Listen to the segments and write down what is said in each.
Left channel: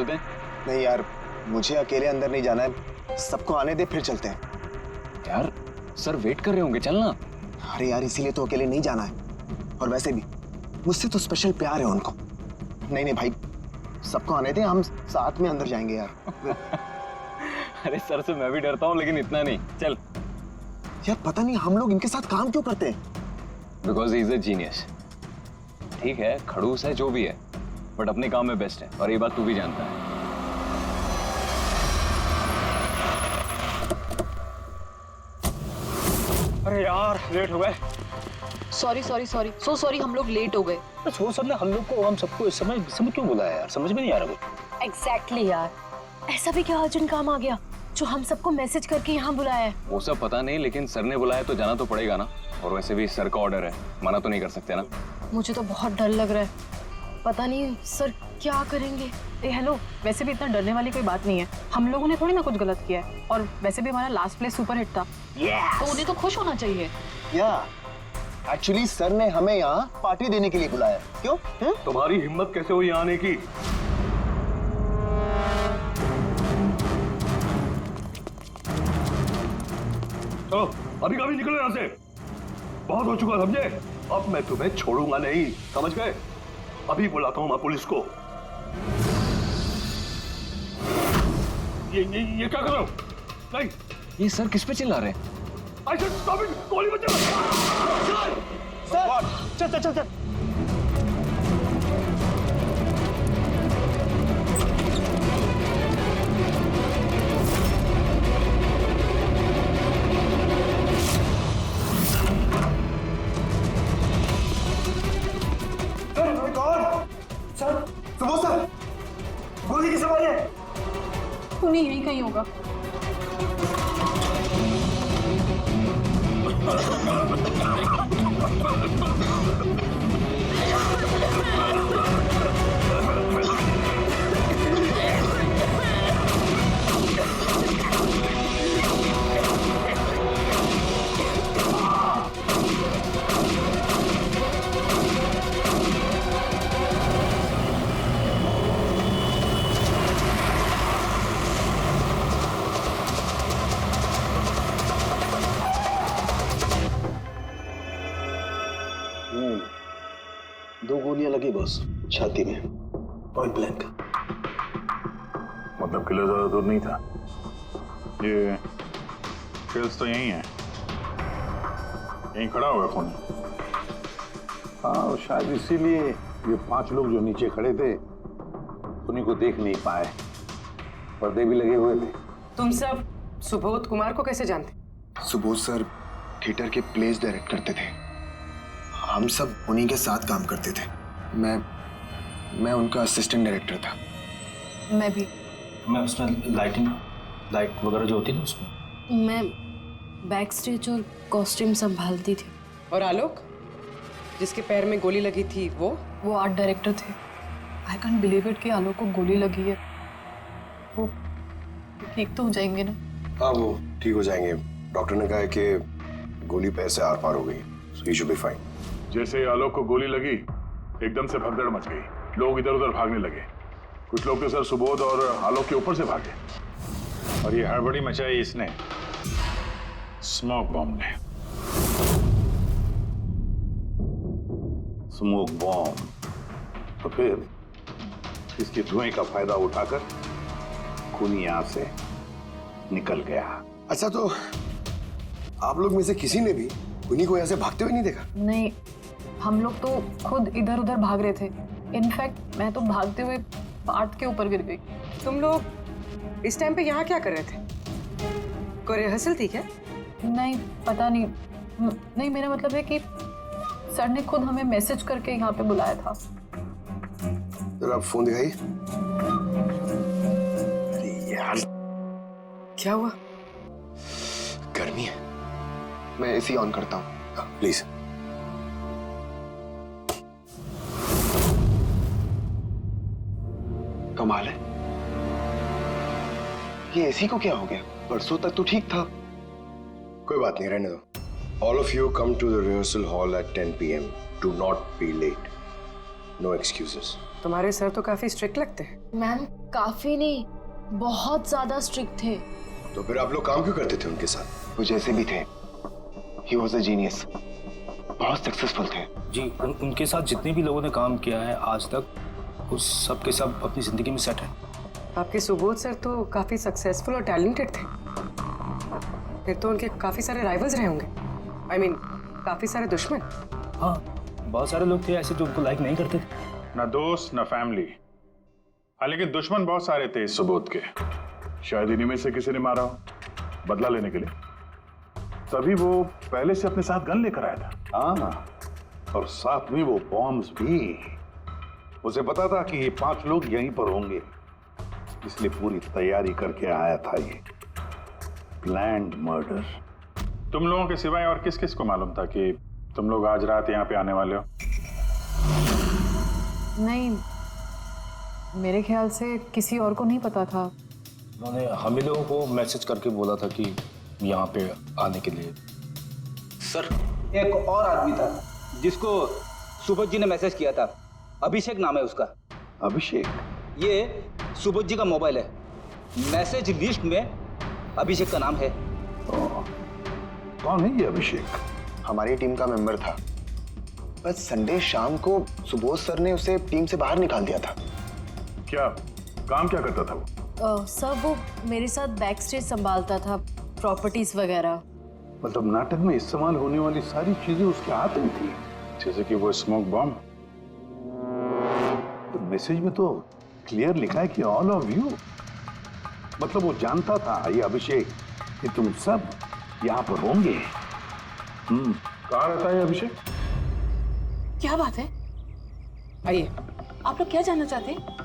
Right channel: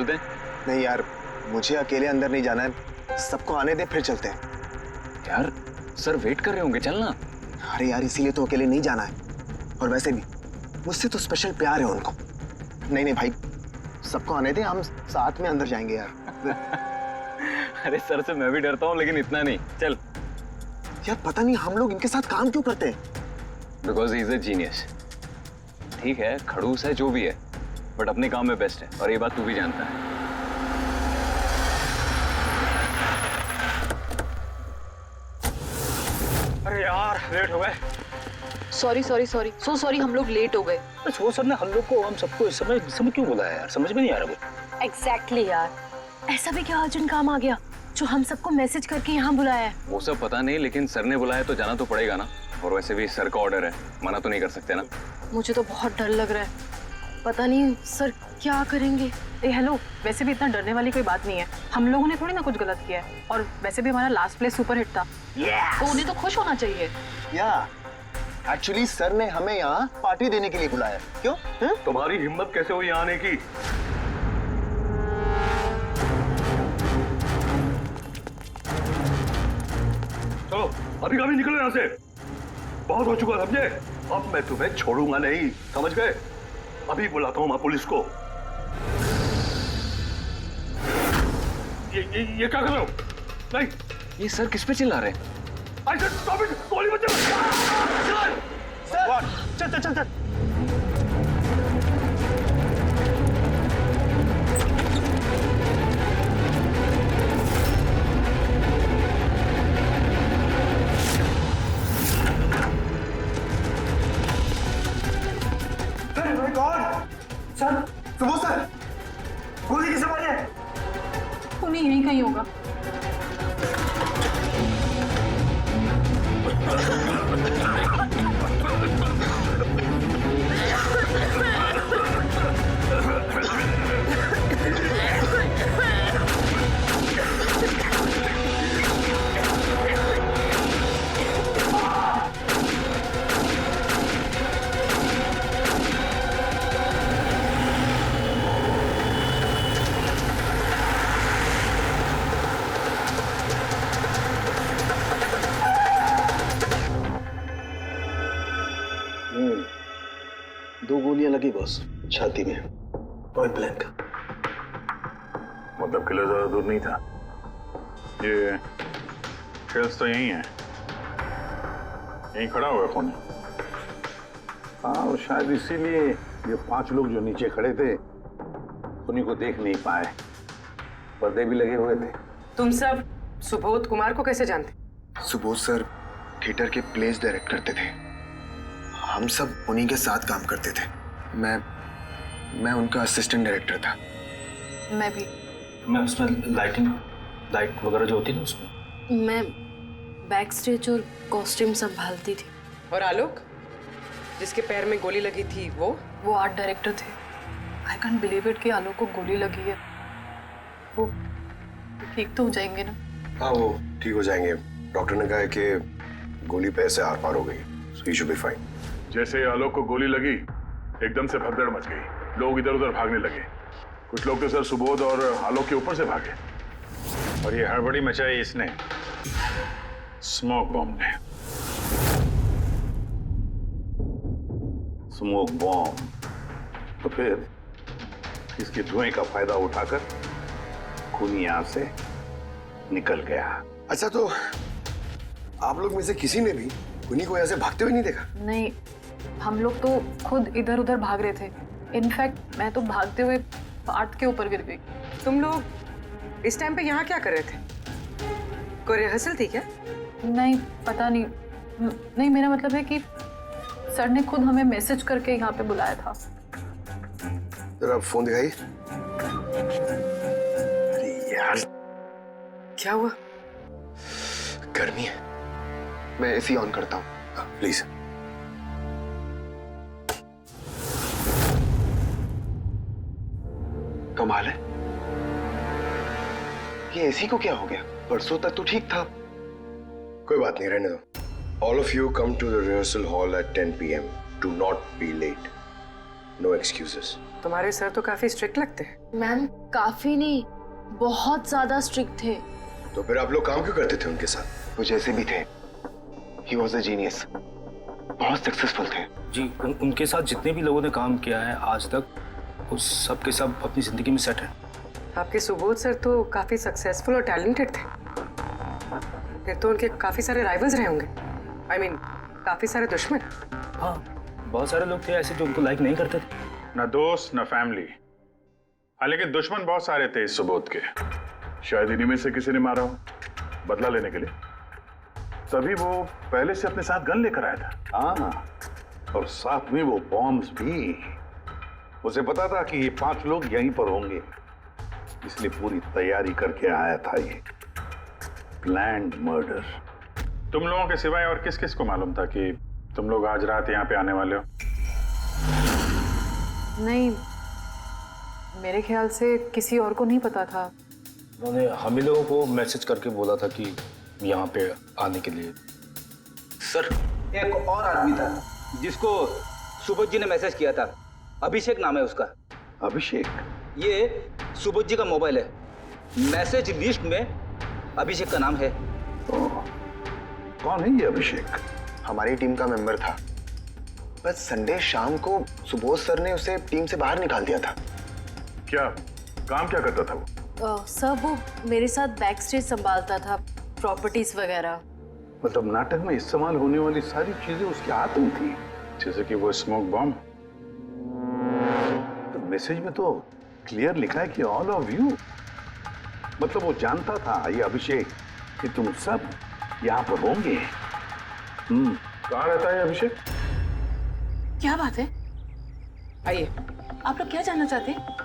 चलते हैं। नहीं यार, मुझे अकेले अंदर नहीं जाना है, सबको आने दे फिर चलते हैं। यार सर वेट कर रहे होंगे, चलना। अरे यार इसीलिए तो अकेले नहीं जाना है, और वैसे भी मुझसे तो स्पेशल प्यार है उनको। नहीं नहीं भाई, सबको आने दे, हम साथ में अंदर जाएंगे यार। अरे सर से मैं भी डरता हूँ, लेकिन इतना नहीं। चल। यार पता नहीं हम लोग इनके साथ काम क्यों करते हैं। Because he is a genius. ठीक है, खड़ूस है जो भी है, बट अपने काम में बेस्ट है, और ये बात तू भी जानता है। अरे यार लेट हो गए। Sorry sorry sorry, so sorry, हम लोग लेट हो गए। बस वो सर ने हम लोग को, हम सबको इस समय क्यों बुलाया यार, समझ में नहीं आ रहा कुछ। एग्जैक्टली यार, ऐसा भी क्या अर्जेंट काम आ गया जो हम सबको मैसेज करके यहाँ बुलाया है? वो सब पता नहीं, लेकिन सर ने बुलाया तो जाना तो पड़ेगा ना। और वैसे भी सर का ऑर्डर है, मना तो नहीं कर सकते ना। मुझे तो बहुत डर लग रहा है, पता नहीं सर क्या करेंगे। हेलो, वैसे भी इतना डरने वाली कोई बात नहीं है, हम लोगों ने थोड़ी ना कुछ गलत किया है, और वैसे भी हमारा लास्ट प्ले सुपर हिट था। तो उन्हें तो खुश होना चाहिए। या एक्चुअली सर ने हमें यहाँ पार्टी देने के लिए बुलाया। क्यों? तुम्हारी हिम्मत कैसे हुई यहाँ आने की? चलो अभी कभी निकलो यहाँ से, बहुत हो चुका समझे। अब मैं तुम्हें छोड़ूंगा नहीं, समझ गए? अभी बुलाता हूँ मैं पुलिस को। ये क्या कर रहे हो? नहीं, ये सर किस पे चिल्ला रहे हैं? I said stop it! गोली मत चलो! चल चल चल चल। सर, सुबह सर, गोली किसे मारी है? उन्हें यहीं कहीं होगा। दो गोलियां लगी बॉस, छाती में, पॉइंट ब्लैंक। मतलब किला ज्यादा दूर नहीं था। ये शेल्स तो यही है, यहीं खड़ा हुआ है खून। हाँ, शायद इसीलिए ये 5 लोग जो नीचे खड़े थे उन्हीं को देख नहीं पाए, पर्दे भी लगे हुए थे। तुम सब सुबोध कुमार को कैसे जानते? सुबोध सर थिएटर के प्लेस डायरेक्ट करते थे, हम सब उन्हीं के साथ काम करते थे। मैं उनका असिस्टेंट डायरेक्टर था। मैं भी। मैं उसमें लाइट वगैरह जो होती है ना उसमें। मैं बैक स्टेज और कॉस्ट्यूम संभालती थी। और आलोक, जिसके पैर में गोली लगी थी, वो आर्ट डायरेक्टर थे। आई कांट बिलीव इट कि आलोक को गोली लगी है। वो ठीक तो हो जाएंगे ना? हाँ, वो ठीक हो जाएंगे। डॉक्टर ने कहा है कि गोली पैर से आर पार हो गई, सो ही शुड बी फाइन। जैसे आलोक को गोली लगी, एकदम से भगदड़ मच गई, लोग इधर उधर भागने लगे। कुछ लोग तो सर सुबोध और आलोक के ऊपर से भागे। और ये हड़बड़ी मचाई इसने, स्मोक बॉम्ब ने। स्मोक बॉम्ब, तो फिर इसके धुएं का फायदा उठाकर खून यहां से निकल गया। अच्छा, तो आप लोग में से किसी ने भी उन्हीं को यहाँ से भागते हुए नहीं देखा? नहीं, हम लोग तो खुद इधर उधर भाग रहे थे। इनफैक्ट मैं तो भागते हुए पार्ट के ऊपर गिर गई। तुम लोग इस टाइम पे यहाँ क्या कर रहे थे? कोई रिहर्सल थी क्या? नहीं, पता नहीं। नहीं, मेरा मतलब है कि सर ने खुद हमें मैसेज करके यहाँ पे बुलाया था। जरा आप फोन दिखाइए। अरे यार, क्या हुआ? गर्मी है। मैं एसी ऑन करता हूँ। प्लीज। कमाल है, ये एसी को क्या हो गया? परसों तक तो ठीक था। कोई बात नहीं, रहने दो। All of you come to the rehearsal hall at 10 p.m. Do not be late. No excuses. तुम्हारे सर तो काफी स्ट्रिक्ट लगते हैं। मैम काफी नहीं, बहुत ज्यादा स्ट्रिक्ट थे। तो फिर आप लोग काम क्यों करते थे उनके साथ? वो जैसे भी थे, ही वॉज अ जीनियस, बहुत सक्सेसफुल थे। जी उनके साथ जितने भी लोगों ने काम किया है आज तक, उस सब के सब अपनी जिंदगी में सेट है। आपके सुबोध सर तो काफी सक्सेसफुल और टैलेंटेड थे। फिर तो उनके काफी सारे राइवल्स रहे होंगे। I mean, काफी सारे दुश्मन। हाँ, बहुत सारे लोग थे ऐसे जो उनको लाइक नहीं करते थे। ना दोस्त ना फैमिली, हाँ लेकिन दुश्मन बहुत सारे थे इस सुबोध के। शायद इन्हीं में से किसी ने मारा हो बदला लेने के लिए, तभी वो पहले से अपने साथ गन लेकर आया था। हाँ, और साथ में वो बॉम्ब्स भी। उसे पता था कि ये 5 लोग यहीं पर होंगे, इसलिए पूरी तैयारी करके आया था ये प्लान्ड मर्डर। तुम लोगों के सिवाय और किस किस को मालूम था कि तुम लोग आज रात यहाँ पे आने वाले हो? नहीं, मेरे ख्याल से किसी और को नहीं पता था। उन्होंने हम ही लोगों को मैसेज करके बोला था कि यहाँ पे आने के लिए। सर, एक और आदमी था जिसको सुबोध जी ने मैसेज किया था। अभिषेक नाम है उसका। अभिषेक? ये सुबोध जी का मोबाइल है। मैसेज लिस्ट में अभिषेक का नाम है। कौन है ये अभिषेक? हमारी टीम का मेंबर था, बस संडे शाम को सुबोध सर ने उसे टीम से बाहर निकाल दिया था। क्या काम क्या करता था वो? सर वो मेरे साथ बैक स्टेज संभालता था, प्रॉपर्टीज वगैरह। मतलब नाटक में इस्तेमाल होने वाली सारी चीजें उसके हाथ में थी, जैसे कि वो स्मोक बॉम्ब। तो मैसेज में तो क्लियर लिखा है कि ऑल ऑफ यू। मतलब वो जानता था ये अभिषेक कि तुम सब यहाँ पर होंगे। कहाँ रहता है अभिषेक? क्या बात है? आइए, आप लोग क्या जानना चाहते हैं?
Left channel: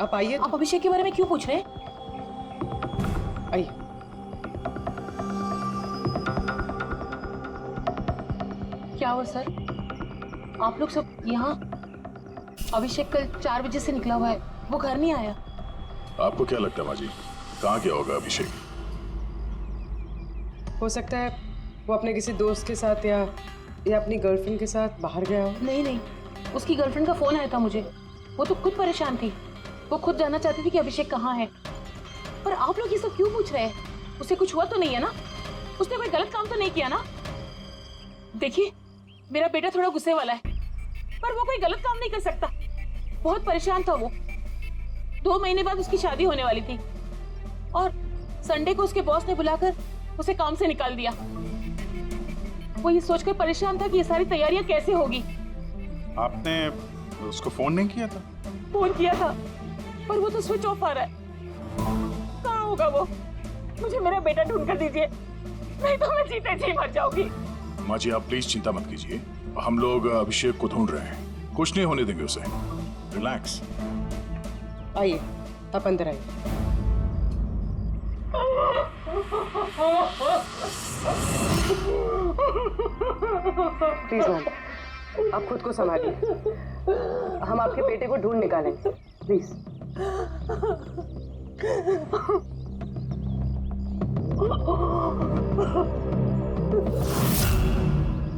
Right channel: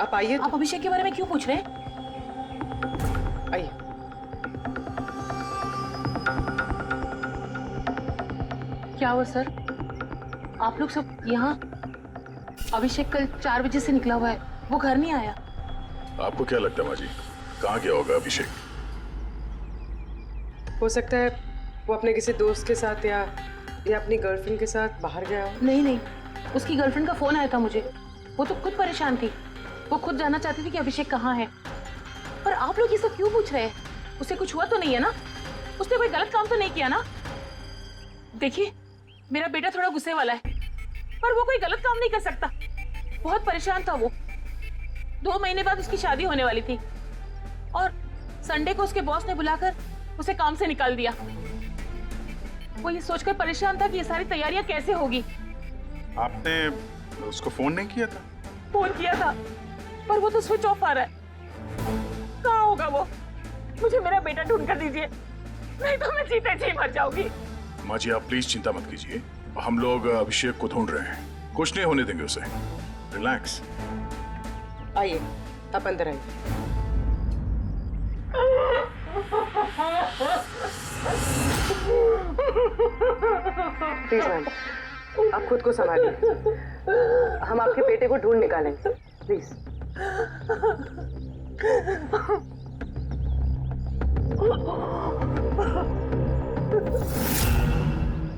आप आइए। आप अभिषेक के बारे में क्यों पूछ रहे हैं? आइए। क्या हुआ सर? आप लोग सब यहाँ? अभिषेक कल 4 बजे से निकला हुआ है, वो घर नहीं आया। आपको क्या लगता है माँ जी, कहाँ गया होगा अभिषेक? हो सकता है वो अपने किसी दोस्त के साथ या अपनी गर्लफ्रेंड के साथ बाहर गया हो। नहीं, उसकी गर्लफ्रेंड का फोन आया था मुझे। वो तो खुद परेशान थी, वो खुद जानना चाहती थी कि अभिषेक कहाँ है। पर आप लोग ये सब क्यों पूछ रहे हैं? उसे कुछ हुआ तो नहीं है ना? उसने कोई गलत काम तो नहीं किया ना? देखिए, मेरा बेटा थोड़ा गुस्से वाला है, पर वो कोई गलत काम नहीं कर सकता। बहुत परेशान था वो। 2 महीने बाद उसकी शादी होने वाली थी और संडे को उसके बॉस ने बुलाकर उसे काम से निकाल दिया। वो ये सोचकर परेशान था कि ये सारी तैयारियां कैसे होगी। आपने उसको फोन नहीं किया था? फोन किया था, पर वो तो स्विच ऑफ आ रहा है। कहाँ होगा वो? मुझे मेरा बेटा ढूंढ कर दीजिए, नहीं तो मैं जीते जी मर जाऊंगी। माँ जी आप प्लीज चिंता मत कीजिए, हम लोग अभिषेक को ढूंढ रहे हैं, कुछ नहीं होने देंगे उसे। रिलैक्स। आइए, आप अंदर आइए। प्लीज मैम, आप खुद को संभालिए। हम आपके बेटे को ढूंढ निकालेंगे, प्लीज।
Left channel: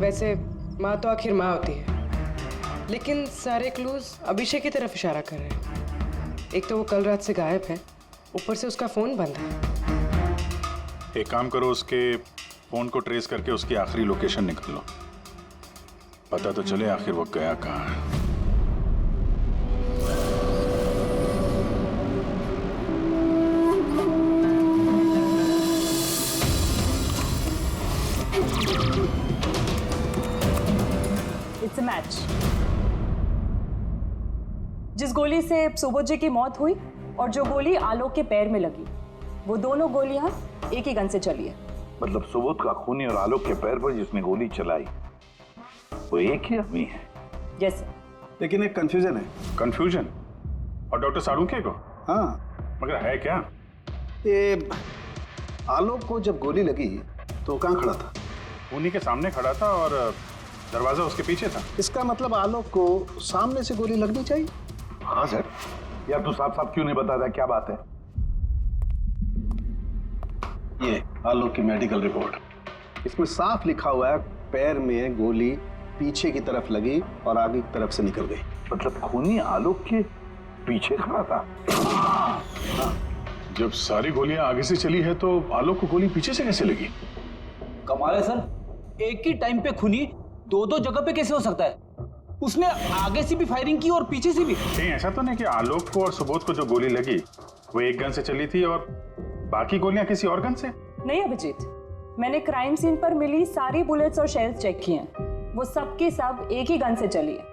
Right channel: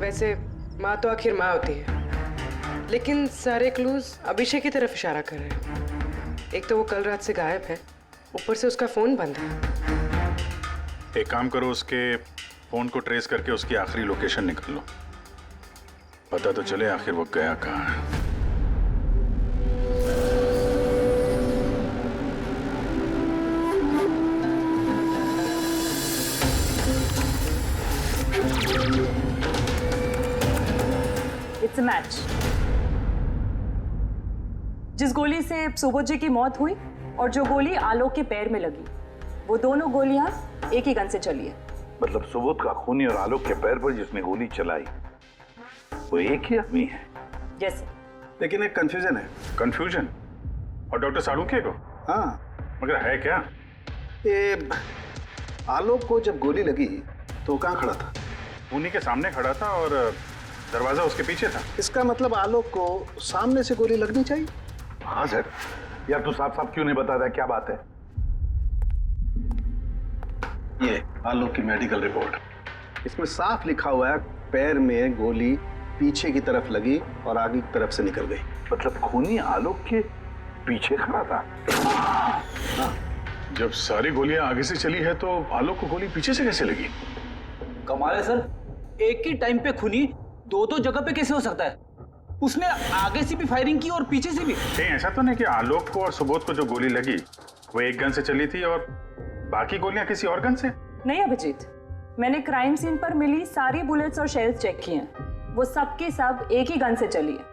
वैसे माँ तो आखिर माँ होती है, लेकिन सारे क्लूज अभिषेक की तरफ इशारा कर रहे हैं। एक तो वो कल रात से गायब है, ऊपर से उसका फोन बंद है। एक काम करो, उसके फोन को ट्रेस करके उसकी आखिरी लोकेशन निकाल लो, पता तो चले आखिर वो गया कहाँ है। It's a match. जिस गोली से सुबोध जी की मौत हुई और जो गोली आलोक के पैर में लगी, वो दोनों गोलियां एक ही गन से चली है। मतलब सुबोध का खूनी और आलोक के पैर पर जिसने गोली चलाई वो एक ही आदमी है? जैसे। लेकिन एक कंफ्यूजन है। कंफ्यूजन? और डॉक्टर सालुंखे को? हाँ, मगर है क्या? ये आलोक को जब गोली लगी तो कहाँ खड़ा था? खूनी के सामने खड़ा था और दरवाजा उसके पीछे था। इसका मतलब आलोक को सामने से गोली लगनी चाहिए। हाँ सर। यार तू साफ साफ क्यों नहीं बताता, क्या बात है? ये आलोक की मेडिकल रिपोर्ट, इसमें साफ लिखा हुआ है पैर में गोली पीछे की तरफ लगी और आगे की तरफ से निकल गई। मतलब खूनी आलोक के पीछे खड़ा था। जब सारी गोलियां आगे से चली है तो आलोक को गोली पीछे से कैसे लगी? कमाल है सर, एक ही टाइम पे खूनी दो दो जगह पे कैसे हो सकता है? उसने आगे से भी फायरिंग की और पीछे से भी। कहीं ऐसा तो नहीं कि आलोक को और सुबोध को जो गोली लगी वो एक गन से चली थी और बाकी गोलियां किसी और गन से? नहीं अभिजीत, मैंने क्राइम सीन पर मिली सारी बुलेट्स और शेल्स चेक किए हैं। वो सब की सब एक ही गन से चली है।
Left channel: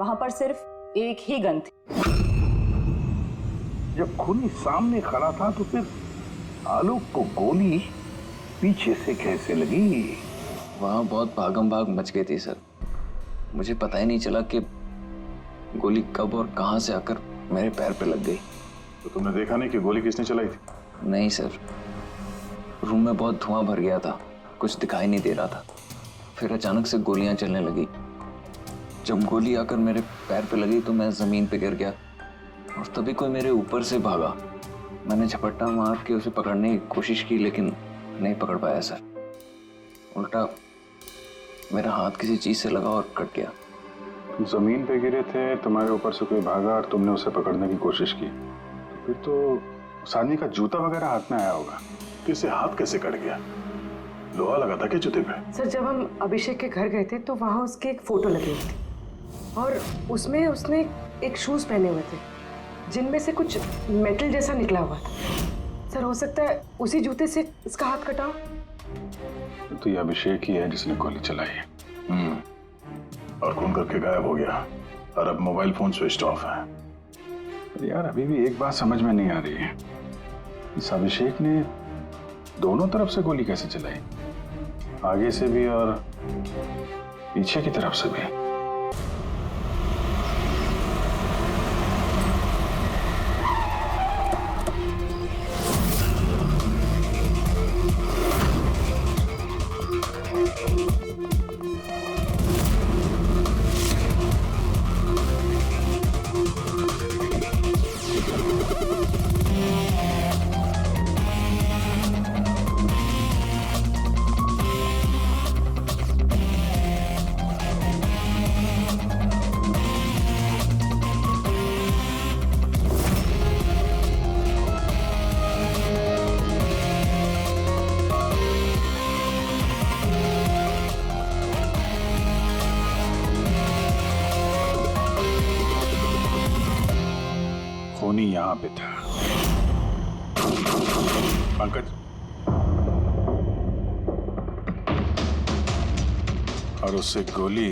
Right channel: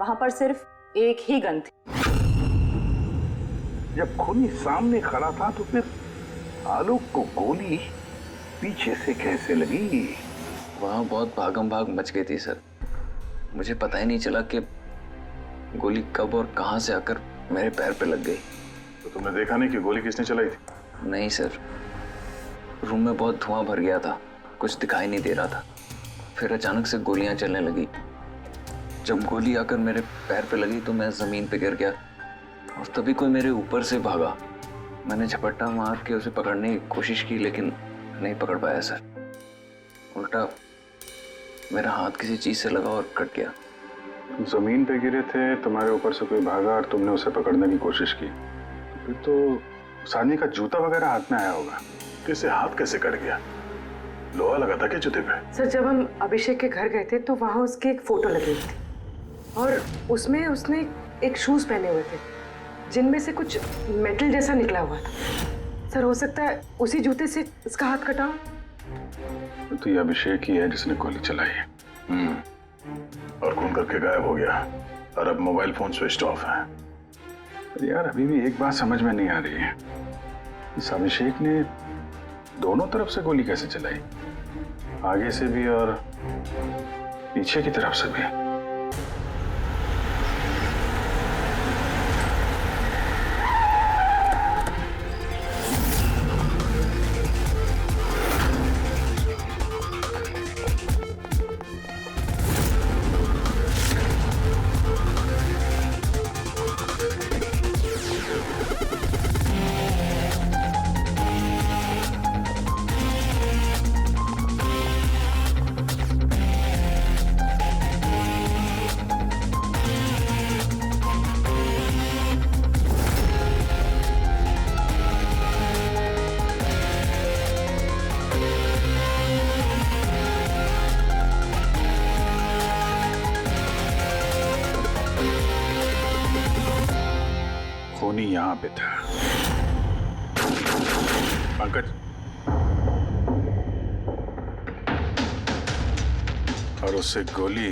वहां पर सिर्फ एक ही गन थी। जब खूनी सामने खड़ा था तो फिर आलोक को गोली पीछे से कैसे लगी? वहां बहुत भागम भाग मच गई थी सर। मुझे पता ही नहीं चला कि गोली कब और कहां से आकर मेरे पैर पे लग गई। तो तुमने देखा नहीं कि गोली किसने चलाई थी? नहीं सर, रूम में बहुत धुआं भर गया था, कुछ दिखाई नहीं दे रहा था। फिर अचानक से गोलियां चलने लगी। जब गोली आकर मेरे पैर पे लगी तो मैं जमीन पे गिर गया और तभी कोई मेरे ऊपर से भागा। मैंने झपट्टा मार के उसे पकड़ने की कोशिश की लेकिन नहीं पकड़ पाया सर। उल्टा मेरा हाथ किसी चीज से लगा और कट गया। तुम जमीन पे गिरे थे, तुम्हारे ऊपर से कोई भागा और तुमने उसे पकड़ने की कोशिश की, तो फिर तो उस आदमी का जूता वगैरह हाथ में आया होगा। तो इसे हाथ कैसे कट गया? लोहा लगा था क्या जूते पे? सर, जब हम अभिषेक के घर गए थे तो वहाँ उसकी एक फोटो लगी हुई थी और उसमें उसने एक शूज पहने हुए थे जिनमें से कुछ मेटल जैसा निकला हुआ था। सर, हो सकता है उसी जूते से इसका हाथ कटा हो। तो ये अभिषेक ही है जिसने गोली चलाई है। और खून करके गायब हो गया और अब मोबाइल फोन स्विच ऑफ है। पर यार अभी भी एक बात समझ में नहीं आ रही है, इस अभिषेक ने दोनों तरफ से गोली कैसे चलाई? आगे से भी और पीछे की तरफ से भी। खूनी यहां पे था। पंकज, और उससे गोली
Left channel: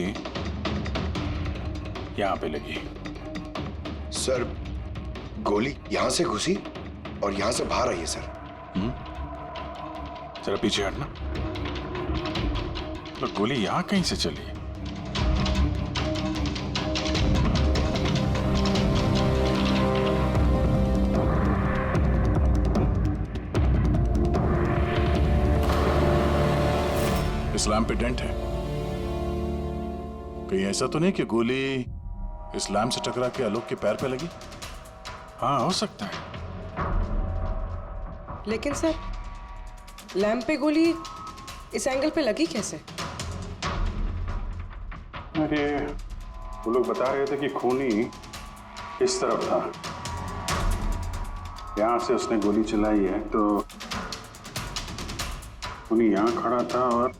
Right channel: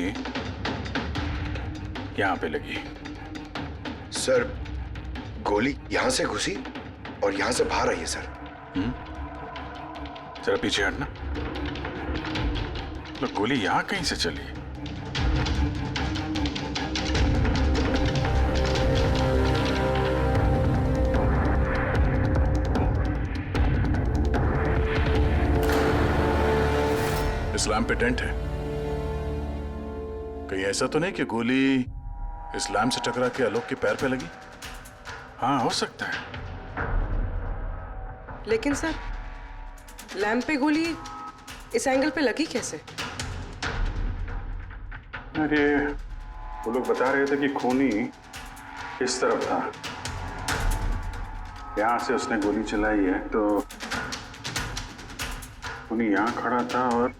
यहां पे लगी। सर, गोली यहां से घुसी और यहां से बाहर आई है सर। जरा पीछे हटना। तो गोली यहां कहीं से चली है। इस लैम्प पे डेंट है। कहीं ऐसा तो नहीं कि गोली इस लैम्प से टकरा के आलोक के पैर पे लगी? हाँ, हो सकता है। लेकिन सर, लैंप पे गोली इस एंगल पे लगी कैसे? अरे वो लोग बता रहे थे कि खूनी इस तरफ था, यहां से उसने गोली चलाई है, तो खूनी यहां खड़ा था और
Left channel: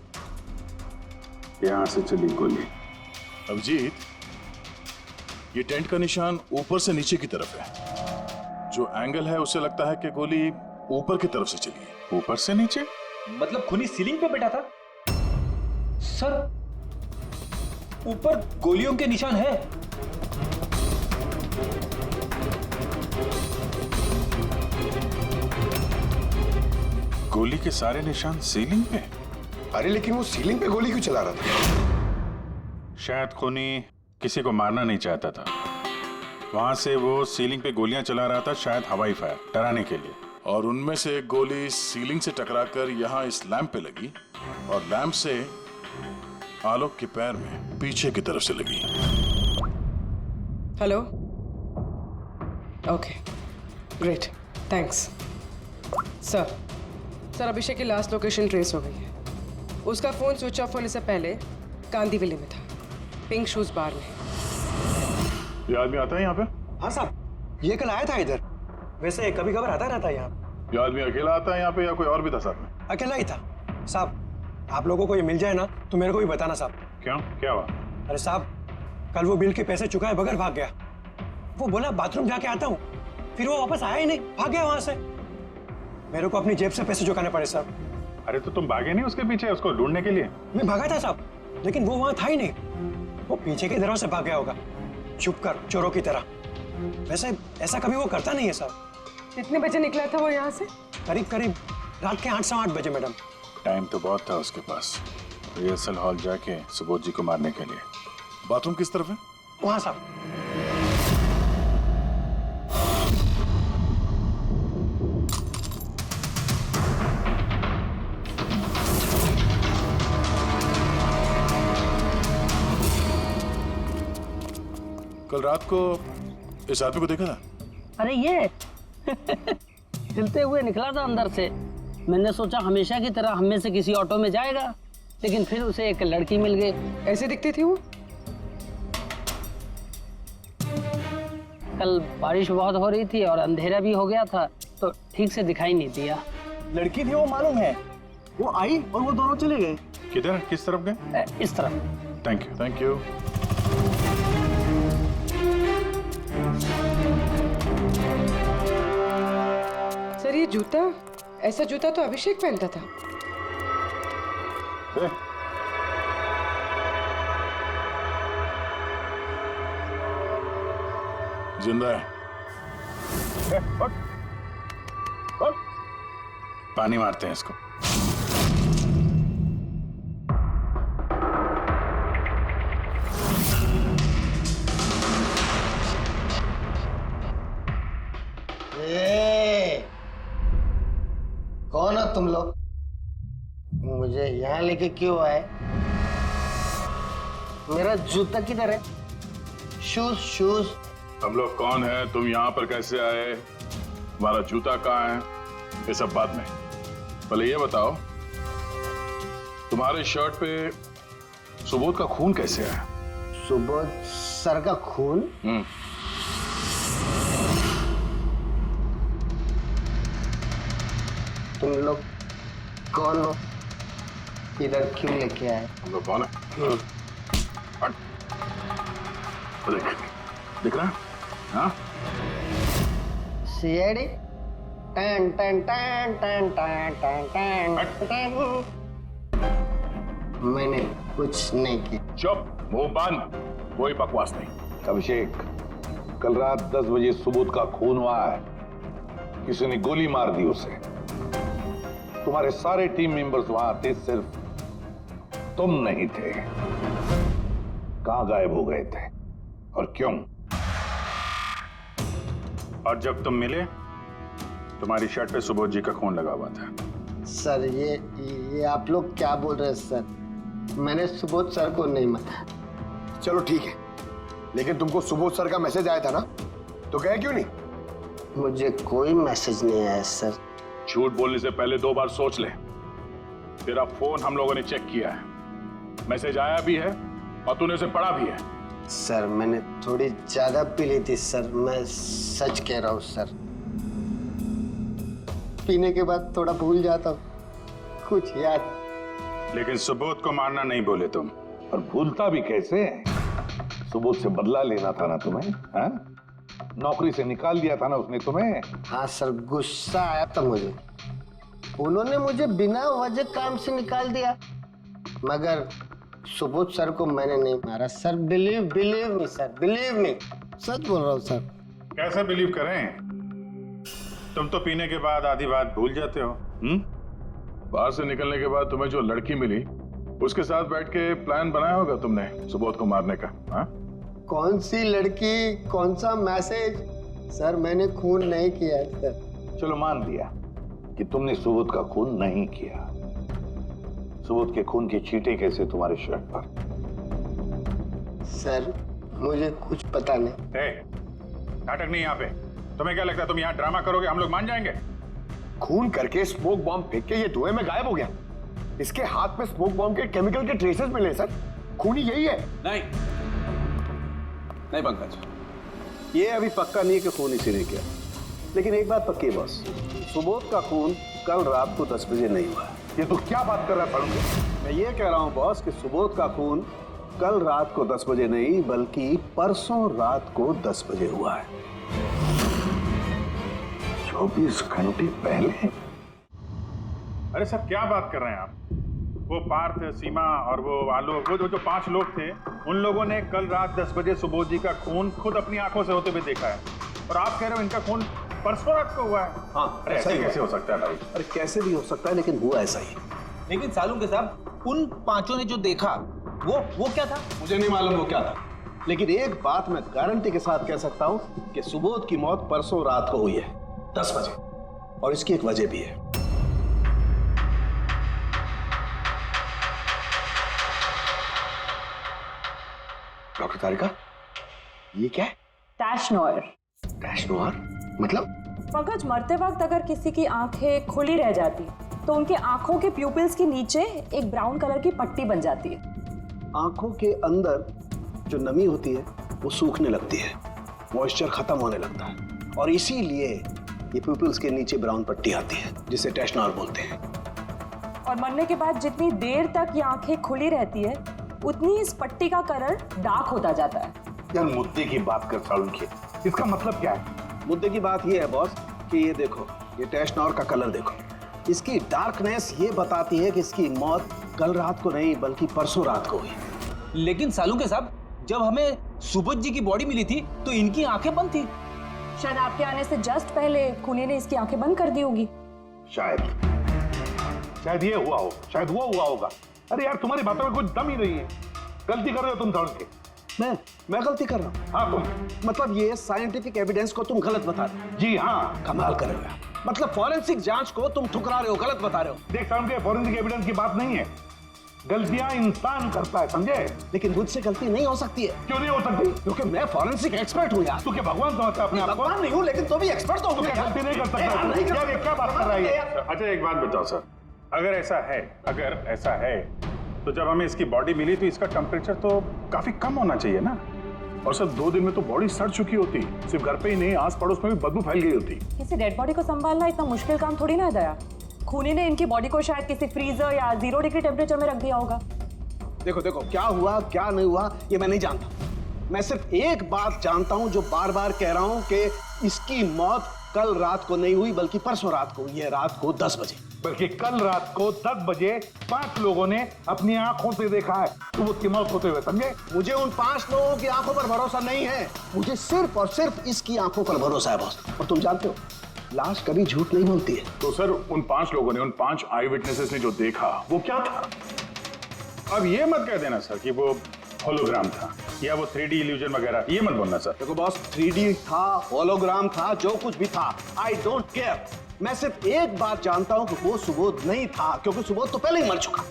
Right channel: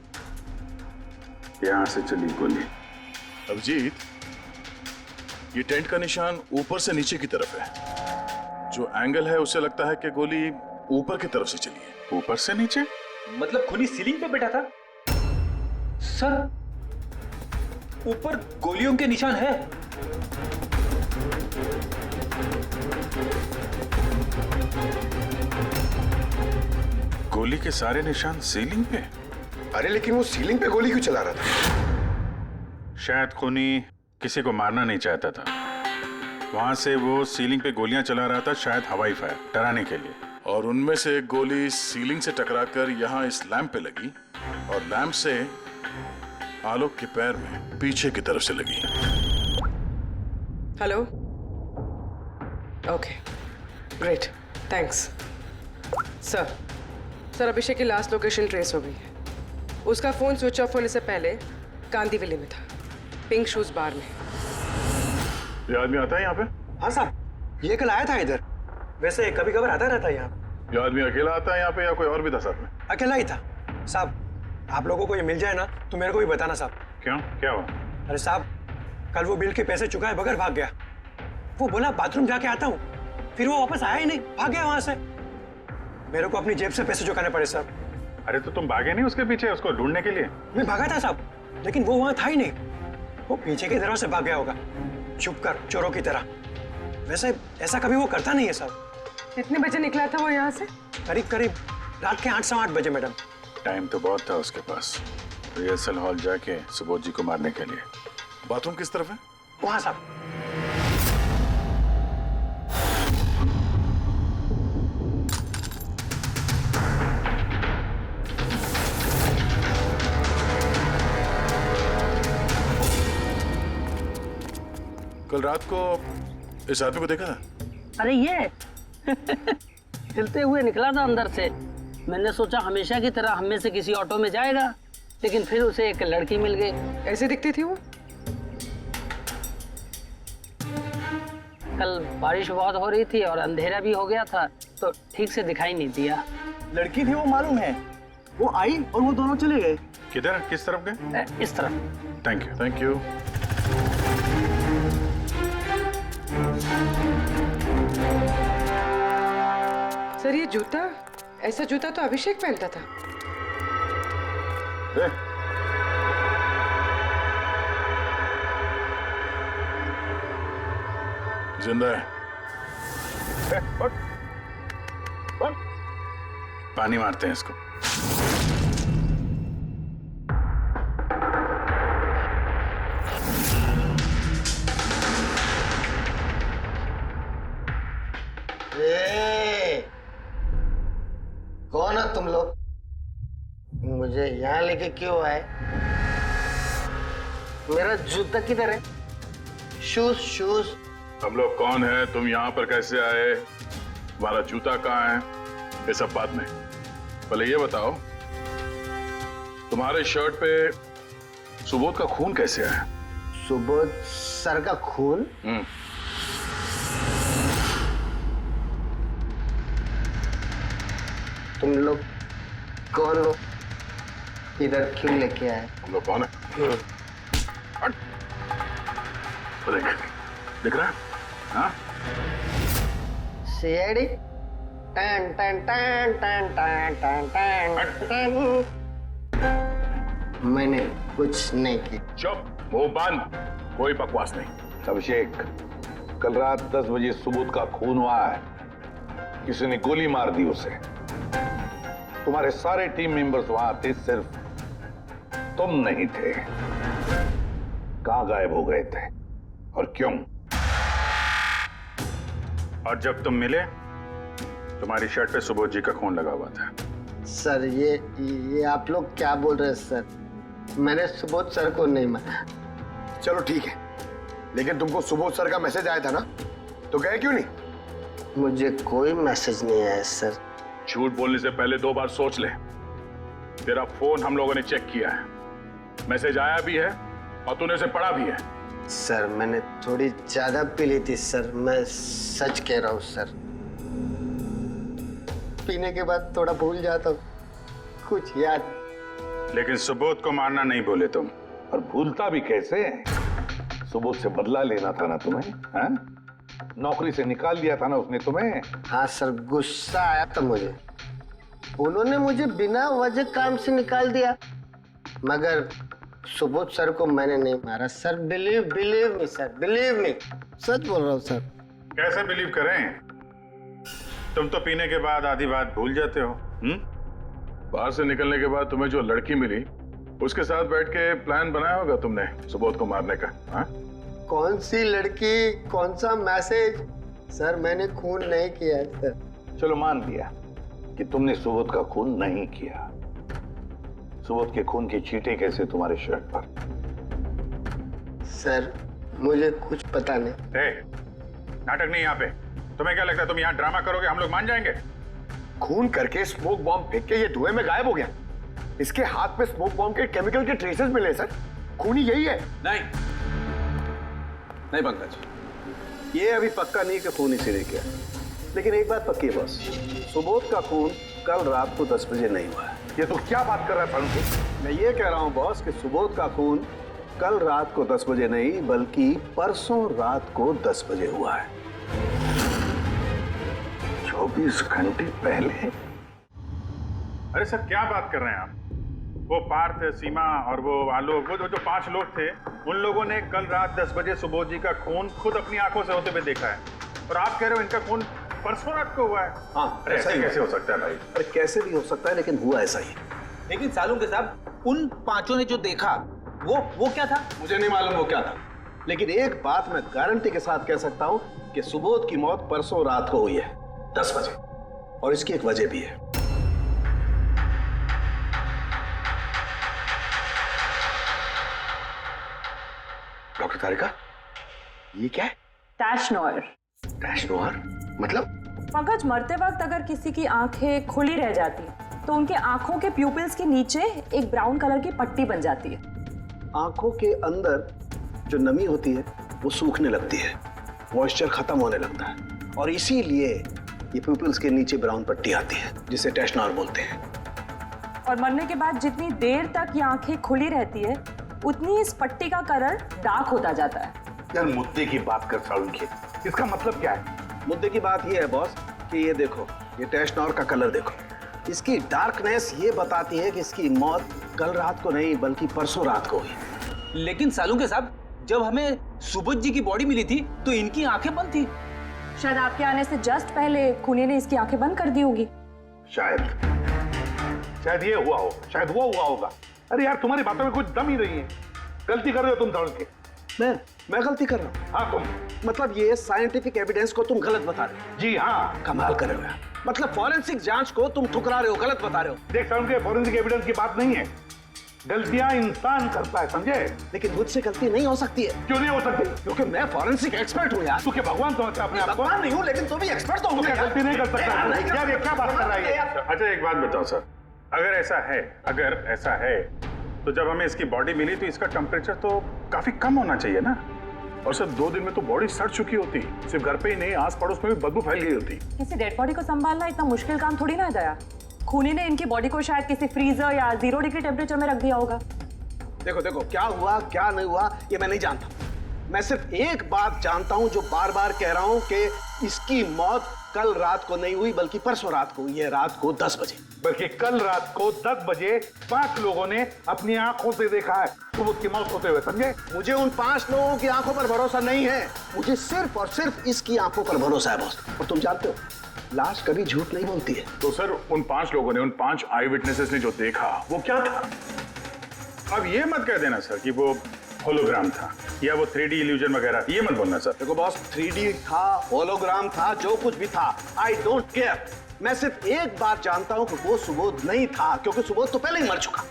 यहां से चली गोली। अभिजीत, ये टेंट का निशान ऊपर से नीचे की तरफ है। जो एंगल है उससे लगता है कि गोली ऊपर की तरफ से चली है। ऊपर से नीचे? मतलब खूनी सीलिंग पे बैठा था? सर, ऊपर गोलियों के निशान है। गोली के सारे निशान सीलिंग पे? अरे लेकिन वो सीलिंग पे गोली क्यों चला रहा था? शायद खूनी किसी को मारना नहीं चाहता था, वहां से वो सीलिंग पे गोलियां चला रहा था, शायद हवाई फायर, डराने के लिए। और उनमें से एक गोली सीलिंग से टकराकर यहां इस लैंप पे लगी और लैंप से आलोक के पैर में पीछे की तरफ से लगी। Hello, okay, great, thanks. Sir, Abhishek की लास्ट लोकेशन ट्रेस हो गई है। उसका फोन स्विच ऑफ होने से पहले कांदीवली में था, पिंक शूज बार में। ये आदमी आता है यहाँ पे? हाँ साहब, ये कल आया था इधर। वैसे कभी कभार आता रहता है यहाँ। ये आदमी अकेला आता है यहाँ पे या कोई और भी था साथ में? अकेला ही था साहब। आप लोगों को ये मिल जाए ना तो मेरे को भी बताना साहब। क्यों, क्या हुआ? अरे साहब, कल वो बिल के पैसे चुकाए बगैर भाग गया। वो बोला बाथरूम जाके आता हूँ, फिर वो वापस आया ही नहीं, भाग गया वहां से। मेरे को अपनी जेब से पैसे चुकाने पड़े साहब। अरे तो तुम भागे नहीं उसके पीछे उसको ढूंढने के लिए? मैं भागा था साहब, लेकिन वो वहां था ही नहीं। वो पीछे की दरवाजे से भाग गया होगा, छुप कर, चोरों की तरह। वैसे ऐसा कभी वो करता नहीं है साहब। कितने बजे निकला था वो यहाँ से? करीब करीब रात के 8 सवा 8 बजे मैडम। टाइम तो बहुत था उसके पास रिहर्सल हॉल जाके सुबोध जी को मारने के लिए। बाथरूम किस तरफ है? वहां साहब। कल रात को इस आदमी को देखा था? अरे ये हिलते हुए निकला था अंदर से। मैंने सोचा हमेशा की तरह हम में से किसी ऑटो में जाएगा, लेकिन फिर उसे एक लड़की मिल गई। ऐसे दिखती थी वो? कल बारिश बहुत हो रही थी और अंधेरा भी हो गया था, तो ठीक से दिखाई नहीं दिया। लड़की थी वो मालूम है, वो आई और वो दोनों चले गए। किधर, किस तरफ गए? इस तरफ। Thank you, thank you. Sir ये जूता, ऐसा जूता तो अभिषेक पहनता था। जिंदा है। पानी मारते हैं इसको। कौन हो तुम लोग? मुझे यहाँ लेके क्यों आए? मेरा जूता किधर है? Shoes shoes. हम लोग कौन है, तुम यहाँ पर कैसे आए, हमारा जूता कहाँ है, ये सब बात नहीं। पहले ये बताओ, तुम्हारे शर्ट पे सुबोध का खून कैसे आया? सुबोध सर का खून? तुम लोग कौन हो? इधर क्यों लेके आए? हम लोग कौन है? देख, दिख रहा है? हाँ? सीआईडी? टन टन टन टन टन टन टन। मैंने कुछ नहीं किया। चुप, मुंह बंद, कोई बकवास नहीं। अभिषेक, कल रात 10 बजे सुबोध का खून हुआ है। किसी ने गोली मार दी उसे। तुम्हारे सारे टीम मेंबर्स वहां थे, सिर्फ तुम नहीं थे। कहां गायब हो गए थे और क्यों? और जब तुम मिले, तुम्हारी शर्ट पे सुबोध जी का खून लगा हुआ था। सर ये आप लोग क्या बोल रहे हैं सर? मैंने सुबोध सर को नहीं मारा। चलो ठीक है, लेकिन तुमको सुबोध सर का मैसेज आया था ना, तो गए क्यों नहीं? मुझे कोई मैसेज नहीं आया सर। झूठ बोलने से पहले 2 बार सोच ले। तेरा फोन हम लोगों ने चेक किया है, मैसेज आया भी है और तूने उसे पढ़ा भी है। सर मैंने थोड़ी ज्यादा पी ली थी सर, मैं सच कह रहा हूँ सर। पीने के बाद थोड़ा भूल जाता हूँ, कुछ याद। लेकिन सुबोध को मारना नहीं बोले तुम। और भूलता भी कैसे? सुबोध से बदला लेना था ना तुम्हें, हाँ? नौकरी से निकाल दिया था ना उसने तुम्हें। हाँ सर, गुस्सा आया था मुझे। उन्होंने मुझे बिना वजह काम से निकाल दिया, मगर सुबोध सर को मैंने नहीं मारा sir. Believe me sir, believe me, सच बोल रहा हूँ सर। कैसे बिलीव करें? तुम तो पीने के बाद आधी बात भूल जाते हो। बाहर से निकलने के बाद तुम्हें जो लड़की मिली, उसके साथ बैठ के प्लान बनाया होगा तुमने सुबोध को मारने का। हाँ? कौन सी लड़की, कौन सा मैसेज? सर मैंने खून नहीं किया है सर। चलो मान लिया कि तुमने सुबोध का खून नहीं किया। सुबोध के खून के छींटे कैसे तुम्हारे शर्ट पर? सर मुझे कुछ पता नहीं। नाटक नहीं यहाँ पे। तुम्हें क्या लगता है तुम यहाँ ड्रामा करोगे, हम लोग मान जाएंगे? खून करके स्मोक बॉम्ब फेंक के ये धुएं में गायब हो गया। इसके हाथ में स्मोक बॉम्ब के केमिकल के ट्रेसेस मिले सर। खूनी यही है। नहीं पंकज, ये अभी पक्का नहीं है कि खून इसी ने किया, लेकिन एक बात पक्की है बॉस, सुबोध का खून कल रात को 10 बजे नहीं हुआ है। ये तो क्या बात कर रहा है सालुंखे? मैं ये कह रहा हूं बॉस कि सुबोध का खून कल रात को 10 बजे नहीं बल्कि परसों रात को 10 बजे हुआ है। 24 घंटे पहले? अरे सर क्या बात कर रहे हैं आप? वो पार्थ, सीमा और वो आलोक, वो जो 5 लोग थे, उन लोगों ने कल रात 10 बजे सुबोध जी का खून खुद अपनी आंखों से होते हुए देखा है, और आप कह रहे हो इनका खून परसों रात को हुआ है? हाँ, अरे ऐसे कैसे हो सकता है भाई? अरे कैसे भी हो सकता है, लेकिन हुआ ऐसा ही। लेकिन सालुंखे साहब, उन 5 ने जो देखा वो क्या था? मुझे नहीं मालूम वो क्या था, लेकिन एक बात मैं गारंटी के साथ कह सकता हूं कि सुबोध की मौत परसों रात को हुई है 10 बजे, और इसकी एक वजह भी है। डॉक्टर तारिका, ये क्या है? टैश नोयर। टैश नोयर मतलब? पंकज, मरते वक्त अगर किसी की आंखें खुली रह जाती तो उनके आंखों के प्यूपिल्स के नीचे एक ब्राउन कलर की पट्टी बन जाती है। आंखों के अंदर जो नमी होती है वो सूखने लगती है, मॉइस्चर खत्म होने लगता है, और इसीलिए ये प्यूपिल्स के नीचे ब्राउन पट्टी आती है जिसे टैश नोयर बोलते हैं। और मरने के बाद जितनी देर तक ये आंखें खुली रहती है उतनी इस पट्टी का कलर डार्क होता जाता है। यार मुद्दे की बात कर सालुंखे, इसका मतलब क्या है? मुद्दे की बात ये है बॉस कि ये देखो, ये टैश नोयर का कलर देखो, इसकी डार्कनेस ये बताती है कि इसकी मौत कल रात को नहीं बल्कि परसों रात को हुई। लेकिन सालुंखे साहब, जब हमें सुबोध जी की बॉडी मिली थी तो इनकी आंखें बंद थी। शायद आपके आने से जस्ट पहले खूनी ने इसकी आंखें बंद कर दी होगी। शायद ये हुआ हो, शायद वो हुआ होगा। अरे यार तुम्हारी बातों में कुछ दम ही नहीं है, गलती कर रहे हो तुम सालुंखे। मैं गलती कर रहा हूँ? हाँ तुम। मतलब ये साइंटिफिक एविडेंस को तुम गलत बता रहे हो? जी हाँ। कमाल कर रहे हो यार, मतलब फॉरेंसिक जांच को तुम ठुकरा रहे हो, गलत बता रहे हो। देख सालुंखे, फॉरेंसिक एविडेंस की बात नहीं है, गलतियां इंसान करता है, समझे? लेकिन मुझसे गलती नहीं हो सकती है। क्यों नहीं हो सकती? क्योंकि मैं फॉरेंसिक एक्सपर्ट हूँ यार। तू क्या भगवान समझता है अपने आप को? भगवान नहीं हूँ, लेकिन तो भी एक्सपर्ट तो हूँ। क्या गलती नहीं कर सकता? यार ये क्या बात कर रहा है? अच्छा एक बात बताओ सर, अगर ऐसा है तो जब हमें इसकी बॉडी मिली तो इसका टेम्परेचर तो काफी कम होना चाहिए ना, और सर 2 दिन में तो बॉडी सड़ चुकी होती, सिर्फ घर पे ही नहीं आस पड़ोस में भी बदबू फैल गई होती। किसी डेड बॉडी को संभालना इतना मुश्किल काम थोड़ी ना है दया। खूनी ने इनकी बॉडी को शायद किसी फ्रीजर या 0 डिग्री टेम्परेचर में रख दिया होगा। देखो देखो, क्या हुआ क्या नहीं हुआ ये मैं नहीं जानता, मैं सिर्फ एक बात जानता हूं जो बार बार कह रहा हूं कि इसकी मौत कल रात को नहीं हुई बल्कि परसों रात को हुई है, रात को 10 बजे। बल्कि कल रात को 10 बजे 5 लोगों ने अपनी आंखों से देखा है सुबोध की मौत होते हुए, समझे? मुझे उन 5 लोगों की आंखों पर भरोसा नहीं है, मुझे सिर्फ और सिर्फ इसकी आंखों पर भरोसा है बॉस। और तुम जानते हो लाश कभी झूठ नहीं बोलती है। तो सर उन 5 लोगों ने, उन 5 आई विटनेसेस ने जो देखा वो क्या था? अब ये मत कह देना सर कि वो होलोग्राम था या वो 3D इल्यूजन वगैरह, ये मत बोलना सर। देखो बॉस, 3D था, होलोग्राम था, जो कुछ भी था, आई डोंट केयर। मैं सिर्फ एक बात जानता हूं कि वो सुबोध नहीं था, क्योंकि सुबोध तो पहले ही मर चुका।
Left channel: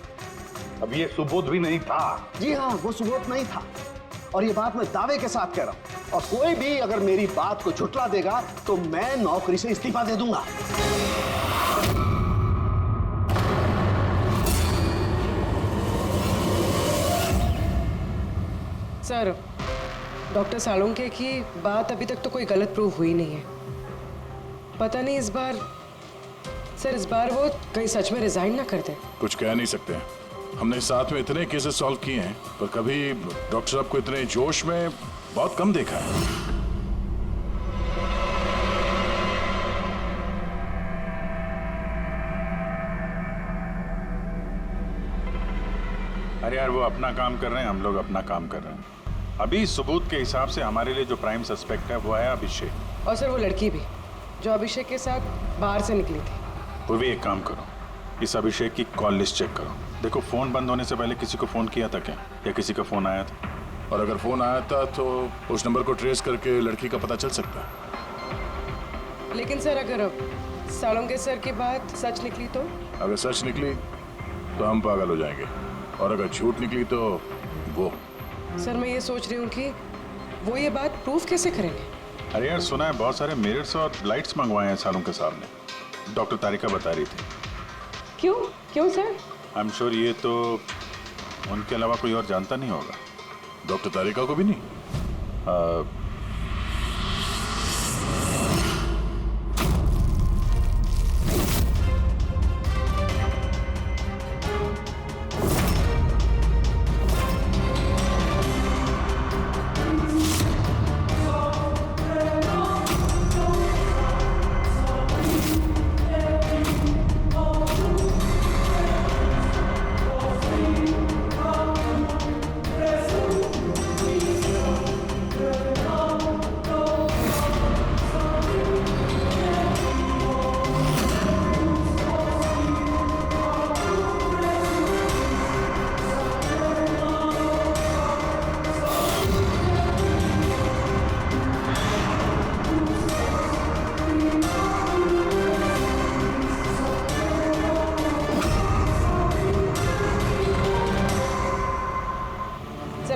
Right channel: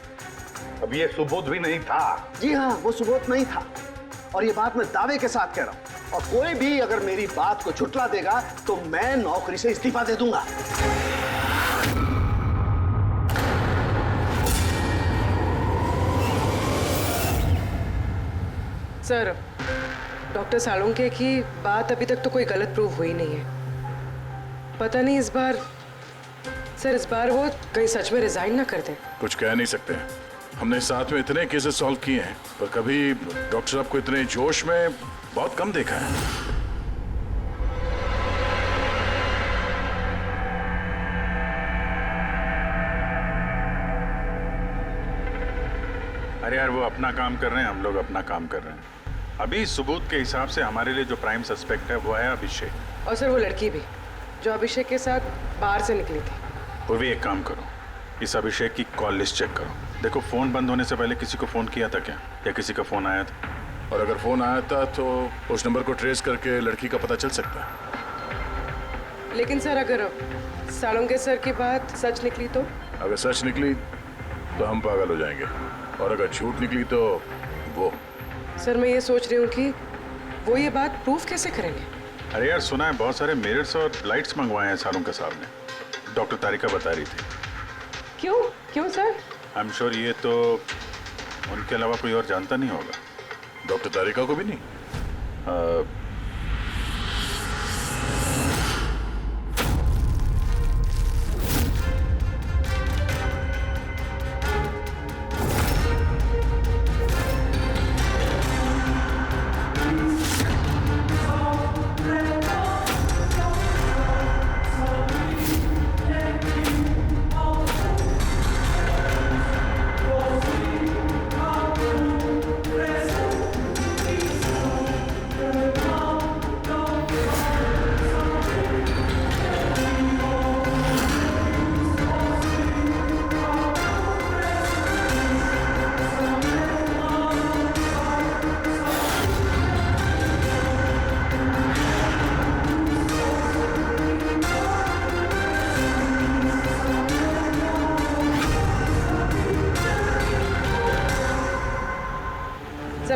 अब ये सुबोध भी नहीं था? जी हाँ, वो सुबोध नहीं था, और ये बात मैं दावे के साथ कह रहा हूं, और कोई भी अगर मेरी बात को झुठला देगा तो मैं नौकरी से इस्तीफा दे दूंगा। सर, डॉक्टर सालुंखे की बात अभी तक तो कोई गलत प्रूव हुई नहीं है। पता नहीं इस बार वो कहीं सच में रिजाइन ना कर दें। कुछ कह नहीं सकते, हमने साथ में इतने केसेस सॉल्व किए हैं पर कभी डॉक्टर साहब को इतने जोश में बहुत कम देखा है। अरे यार वो अपना काम कर रहे हैं, हम लोग अपना काम कर रहे हैं। अभी सबूत के हिसाब से हमारे लिए जो प्राइम सस्पेक्ट है वो है अभिषेक। और सर वो लड़की भी जो अभिषेक के साथ बाहर से निकली थी। वो भी एक काम करो, इस अभिषेक की कॉल लिस्ट चेक करो, देखो फोन बंद होने से पहले किसी को फोन किया था क्या, या किसी का फोन आया था? और अगर फोन आया था तो उस नंबर को ट्रेस करके लड़की का पता चल सकता है। लेकिन सर अगर अब सालुंखे सर की बात सच निकली तो? अगर सच निकली तो हम पागल हो जाएंगे, और अगर झूठ निकली तो वो। सर मैं ये सोच रही हूँ कि वो ये बात प्रूफ कैसे करेंगे? अरे यार सुना है बहुत सारे मिरर्स और लाइट्स मंगवाए हैं सालुंखे साहब ने, डॉक्टर तारिका बता रही थी। क्यों सर? आई एम श्योर ये तो उनके अलावा कोई और जानता नहीं होगा। डॉक्टर तारिका को भी नहीं?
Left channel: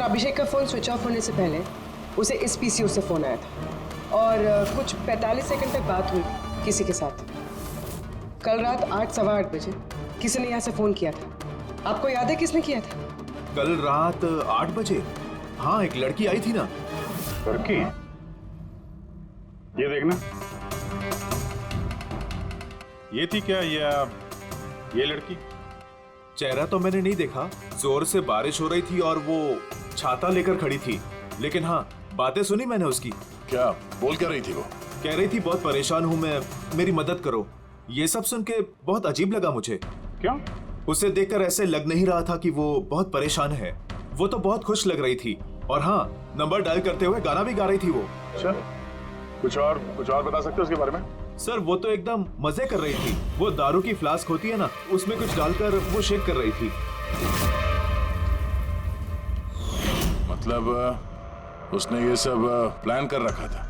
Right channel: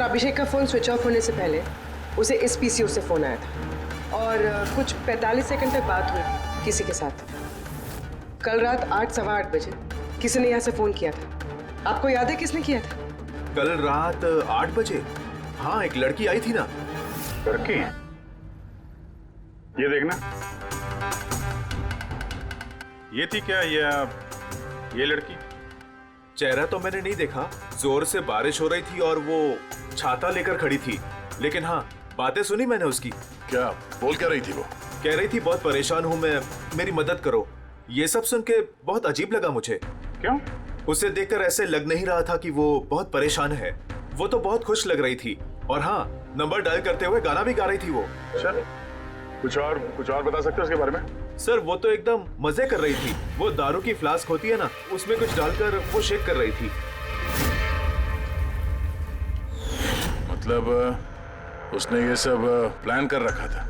सर अभिषेक का फोन स्विच ऑफ होने से पहले उसे इस पीसीओ से फोन आया था और कुछ 45 सेकंड तक बात हुई किसी के साथ। कल रात 8 सवा 8 बजे किसी ने यहाँ से फोन किया था। आपको याद है किसने किया था? कल रात 8 बजे? हाँ, एक लड़की आई थी ना। लड़की? ये देखना, ये थी क्या ये लड़की? चेहरा तो मैंने नहीं देखा, जोर से बारिश हो रही थी और वो छाता लेकर खड़ी थी, लेकिन हाँ बातें सुनी मैंने उसकी। क्या बोल क्या रही थी वो? कह रही थी बहुत परेशान हूँ मैं, मेरी मदद करो। ये सब सुन के बहुत अजीब लगा मुझे। क्यों? उसे देखकर ऐसे लग नहीं रहा था कि वो बहुत परेशान है। वो तो बहुत खुश लग रही थी और हाँ, नंबर डायल करते हुए गाना भी गा रही थी वो। अच्छा, कुछ और बता सकते हो उसके बारे में? सर वो तो एकदम मजे कर रही थी। वो दारू की फ्लास्क होती है ना, उसमें कुछ डालकर वो शेक कर रही थी। मतलब उसने ये सब प्लान कर रखा था।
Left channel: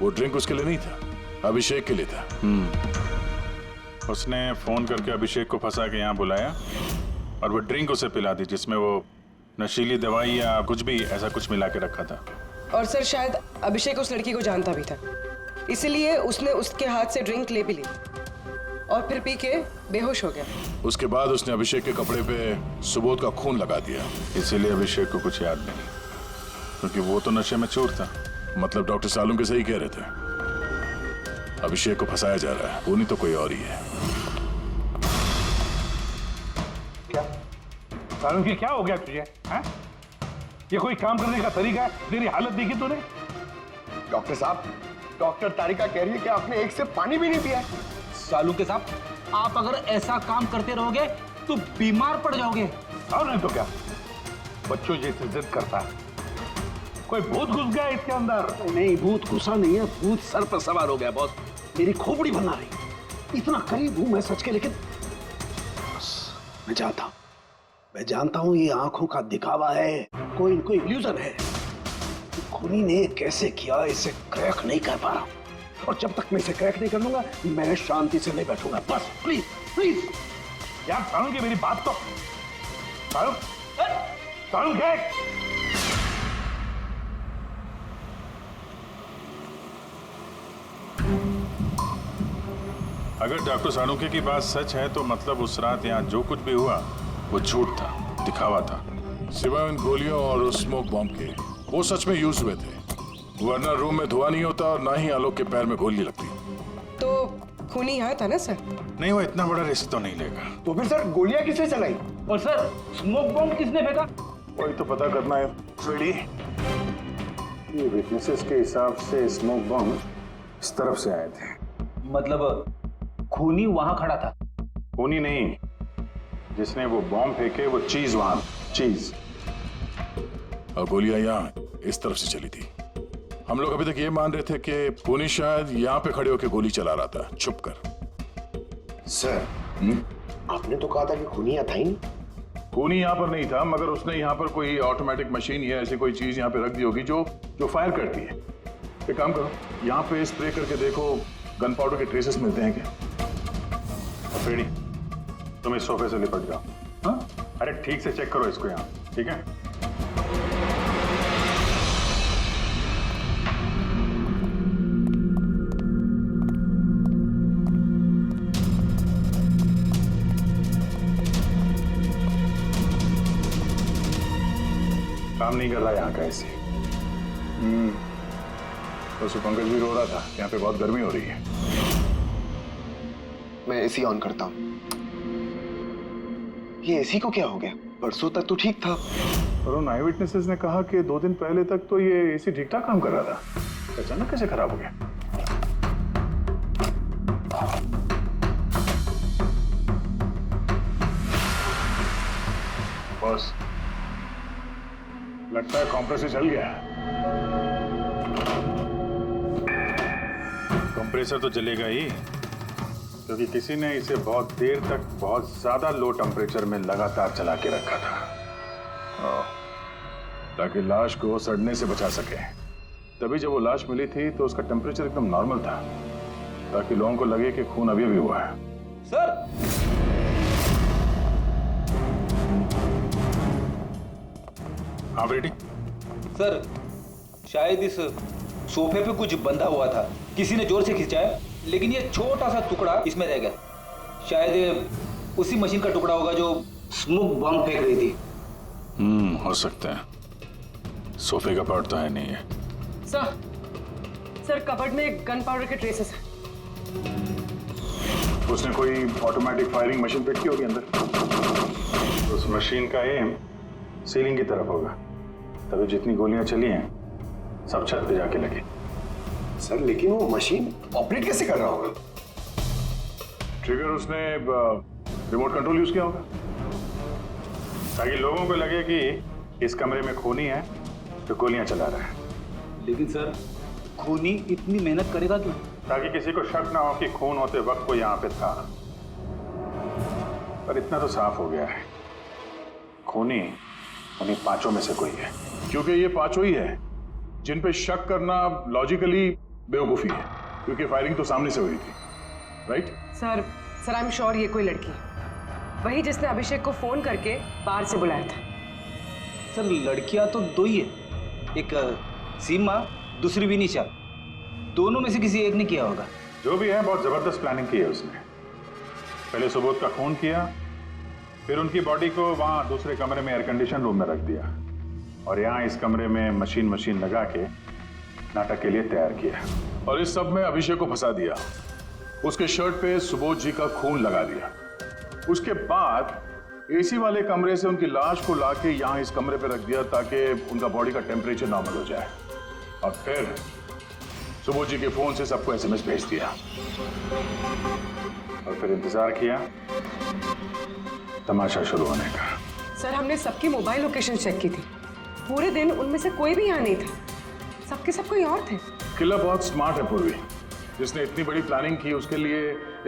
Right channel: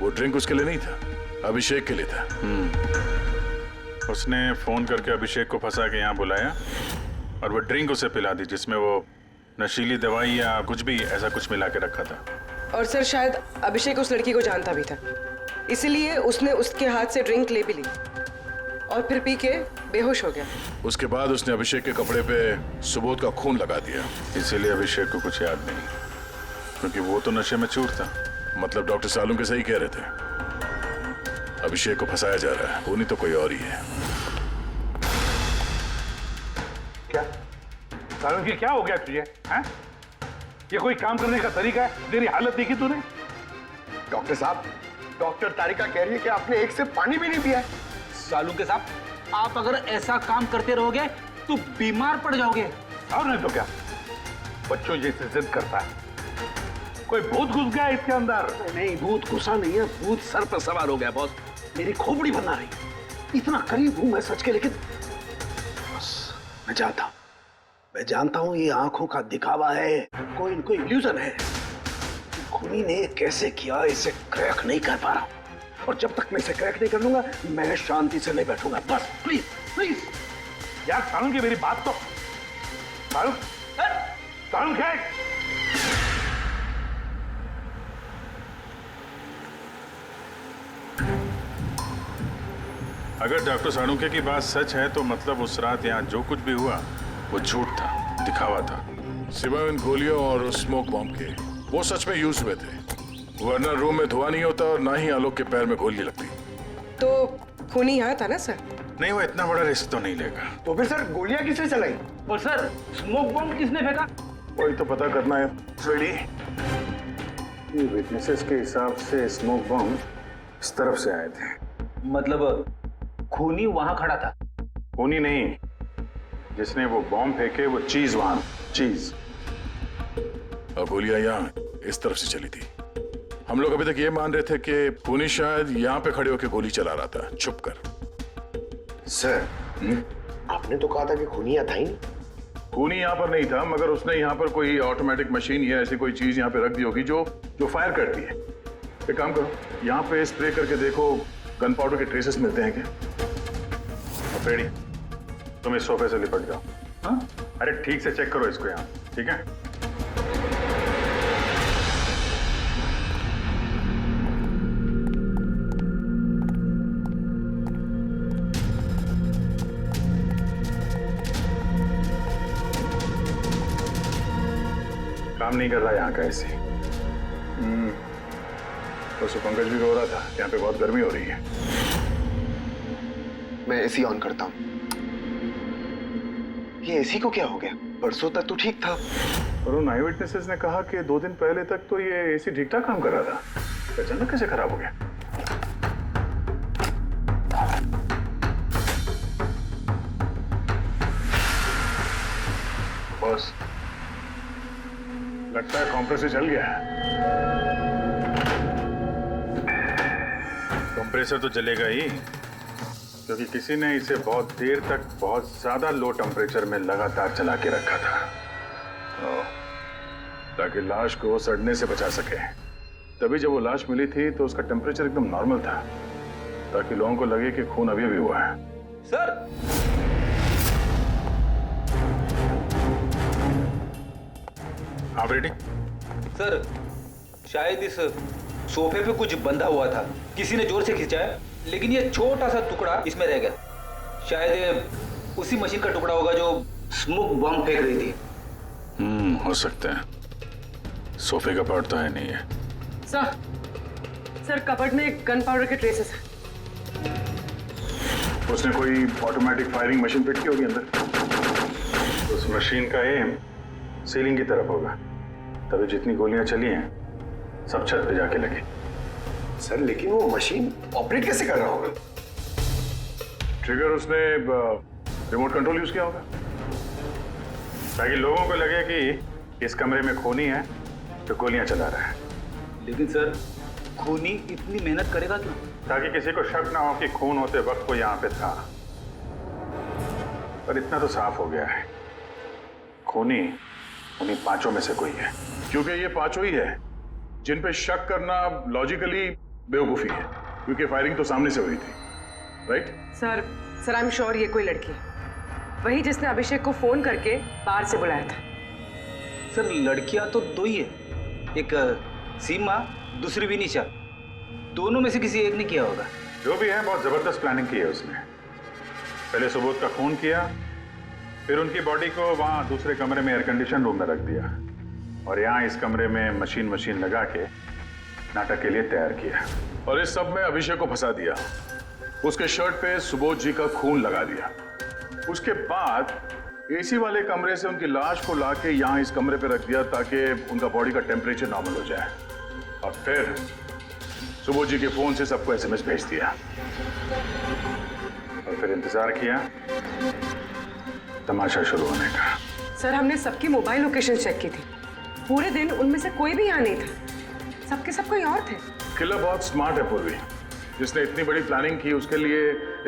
वो ड्रिंक उसके लिए नहीं था, अभिषेक के लिए था। उसने फोन करके अभिषेक को फंसा के यहाँ बुलाया और वो ड्रिंक उसे पिला दी जिसमें वो नशीली दवाई या कुछ भी ऐसा कुछ मिला के रखा था। और सर शायद अभिषेक उस लड़की को जानता भी था, इसलिए उसने उसके हाथ से ड्रिंक ले भी ली और फिर पी के बेहोश हो गया। उसके बाद उसने अभिषेक के कपड़े पे सुबोध का खून लगा दिया। इसीलिए अभिषेक को कुछ याद नहीं, क्योंकि वो तो नशे में चूर था। मतलब डॉक्टर सालुम के सही कह रहे थे, अभिषेक को फंसाया जा रहा है, वो नहीं तो कोई और ही है। क्या सालुम की क्या हो गया तुझे? हैं? ये कोई काम करने का तरीका है? तेरी हालत देखी तूने? डॉक्टर साहब, डॉक्टर तारिका कह रही है कि आपने एक से पानी भी नहीं पिया है। सालू के साहब, आप अगर ऐसा काम करते रहोगे तो बीमार पड़ जाओगे। और नहीं तो क्या, बच्चों जैसे जिद करता है। कोई भूत घुस गया इसके अंदर? नहीं, भूत घुसा नहीं है, भूत सर पर सवार हो गया बॉस। मेरी खोपड़ी बना रही, इतना करीब हूं मैं सच के, लेकिन बस मैं जानता हूं ये आंखों का दिखावा है, कोई इनको इल्यूजन है। खूनी ने कैसे किया इसे क्रैक नहीं कर पा रहा हूं, और जब तक मैं इसे क्रैक नहीं कर लूंगा मैं शांति से नहीं बैठूंगा। बस प्लीज प्लीज यार सालुम की मेरी बात तो सालुम क्या? अगर डॉक्टर साणुके की बात सच है तो मतलब उस रात यहाँ जो कुछ भी हुआ वो झूठ था, दिखावा था। सिवाय उन गोलियों और उस स्मोक बॉम्ब के, वो सच में यूज हुए थे, वरना रूम में धुआं नहीं होता और ना ही आलोक के पैर में गोली लगती। तो खूनी यहाँ था ना सर? नहीं, वो इतना बड़ा रिस्क तो नहीं लेगा। तो फिर सर गोलियां किसने चलाई? और सर स्मोक बॉम्ब किसने फेंका? वही तो पता करना है। ये विटनेसेस के हिसाब से स्मोक बॉम्ब इस तरफ से आए थे। मतलब खूनी वहां खड़ा था? खूनी नहीं, जिसने वो बॉम्ब फेंके वो चीज वहां, चीज। और गोलियां यहाँ इस तरफ से चली थी। हम लोग अभी तक ये मान रहे थे कि खूनी शायद यहाँ पे खड़े होकर गोली चला रहा था छुप कर। सर आपने तो कहा था कि खूनी यहाँ था ही नहीं। खूनी यहाँ पर नहीं था, मगर उसने यहाँ पर कोई ऑटोमेटिक मशीन या ऐसी कोई चीज यहाँ पे रख दी होगी जो फायर करती है। एक काम करो, यहाँ पे स्प्रे करके देखो गन पाउडर के ट्रेसेस मिलते हैं क्या? अफेड़ी, तुम इस सोफे से लिपट जाओ। हाँ? अरे ठीक से चेक करो इसको यहाँ, ठीक है? काम नहीं कर रहा यहाँ का ऐसे। तो पंकज भी रो रहा था, यहाँ पे बहुत गर्मी हो रही है। मैं एसी ऑन करता हूँ। ये एसी को क्या हो गया? परसों तक तो ठीक था। और उन आई विटनेसेस ने कहा कि 2 दिन पहले तक तो ये एसी ठीक ठाक काम कर रहा था, अचानक कैसे खराब हो गया? बॉस, लगता है कंप्रेसर चल गया है। कंप्रेसर तो जलेगा ही, क्योंकि किसी ने इसे बहुत देर तक बहुत ज्यादा लो टेम्परेचर में लगातार चला के रखा था, ताकि लाश को सड़ने से बचा सके। तभी जब वो लाश मिली थी तो उसका टेम्परेचर एकदम नॉर्मल था, ताकि लोगों को लगे कि खून अभी हुआ है। सर, हाँ रेडी। सर शायद इस सोफे पे कुछ बंधा हुआ था, किसी ने जोर से खींचा है, लेकिन ये छोटा सा टुकड़ा इसमें रह गया। शायद ये उसी मशीन का टुकड़ा होगा जो स्मोक बॉम्ब फेंक रही थी। हो सकता है। सोफे का पार्ट तो है नहीं है। सर कबर्ड में गन पाउडर के ट्रेसेस हैं। उसने कोई ऑटोमेटिक फायरिंग मशीन फिट की होगी अंदर। उस मशीन का एम सीलिंग की तरफ होगा, तभी जितनी गोलियां चली हैं सब छत पे जाके लगी। सर लेकिन वो मशीन ऑपरेट कैसे कर रहा होगा? ट्रिगर उसने रिमोट कंट्रोल यूज किया होगा, ताकि लोगों को लगे कि इस कमरे में खूनी है तो गोलियां चला रहा है। लेकिन सर खूनी इतनी मेहनत करेगा क्यों? ताकि किसी को शक ना हो कि खून होते वक्त वो यहाँ पे था। पर इतना तो साफ हो गया है, खूनी उन्हीं पांचों में से कोई है, क्योंकि ये पांचों ही है जिन पे शक करना लॉजिकली बेवकूफी है, क्योंकि फायरिंग तो सामने से हुई थी। Right sir I am sure ये कोई लड़की है, वही जिसने अभिषेक को फोन करके बाहर से बुलाया था। सर लड़कियां तो दो ही है, एक सीमा, दूसरी विनीशा। दोनों में से किसी एक ने किया होगा। जो भी है बहुत जबरदस्त प्लानिंग की है उसने। पहले सुबोध का खून किया, फिर उनकी बॉडी को वहां दूसरे कमरे में एयर कंडीशन रूम में रख दिया, और यहाँ इस कमरे में मशीन लगा के नाटक के लिए तैयार किया। और इस सब में अभिषेक को फंसा दिया, उसके शर्ट पे सुबोध जी का खून लगा दिया। उसके बाद एसी वाले कमरे से उनकी लाश को लाके यहाँ इस कमरे पे रख दिया ताकि उनका बॉडी का टेम्परेचर नॉर्मल हो जाए, और फिर सुबोध जी के फोन से सबको एसएमएस भेज दिया, और फिर इंतजार किया तमाशा शुरू होने का। सर हमने सबकी मोबाइल लोकेशन चेक की थी, पूरे दिन उनमें से कोई भी यहाँ नहीं था, सबके सब कोई और थे। किलर बहुत स्मार्ट है पूर्वी, जिसने इतनी बड़ी प्लानिंग की उसके लिए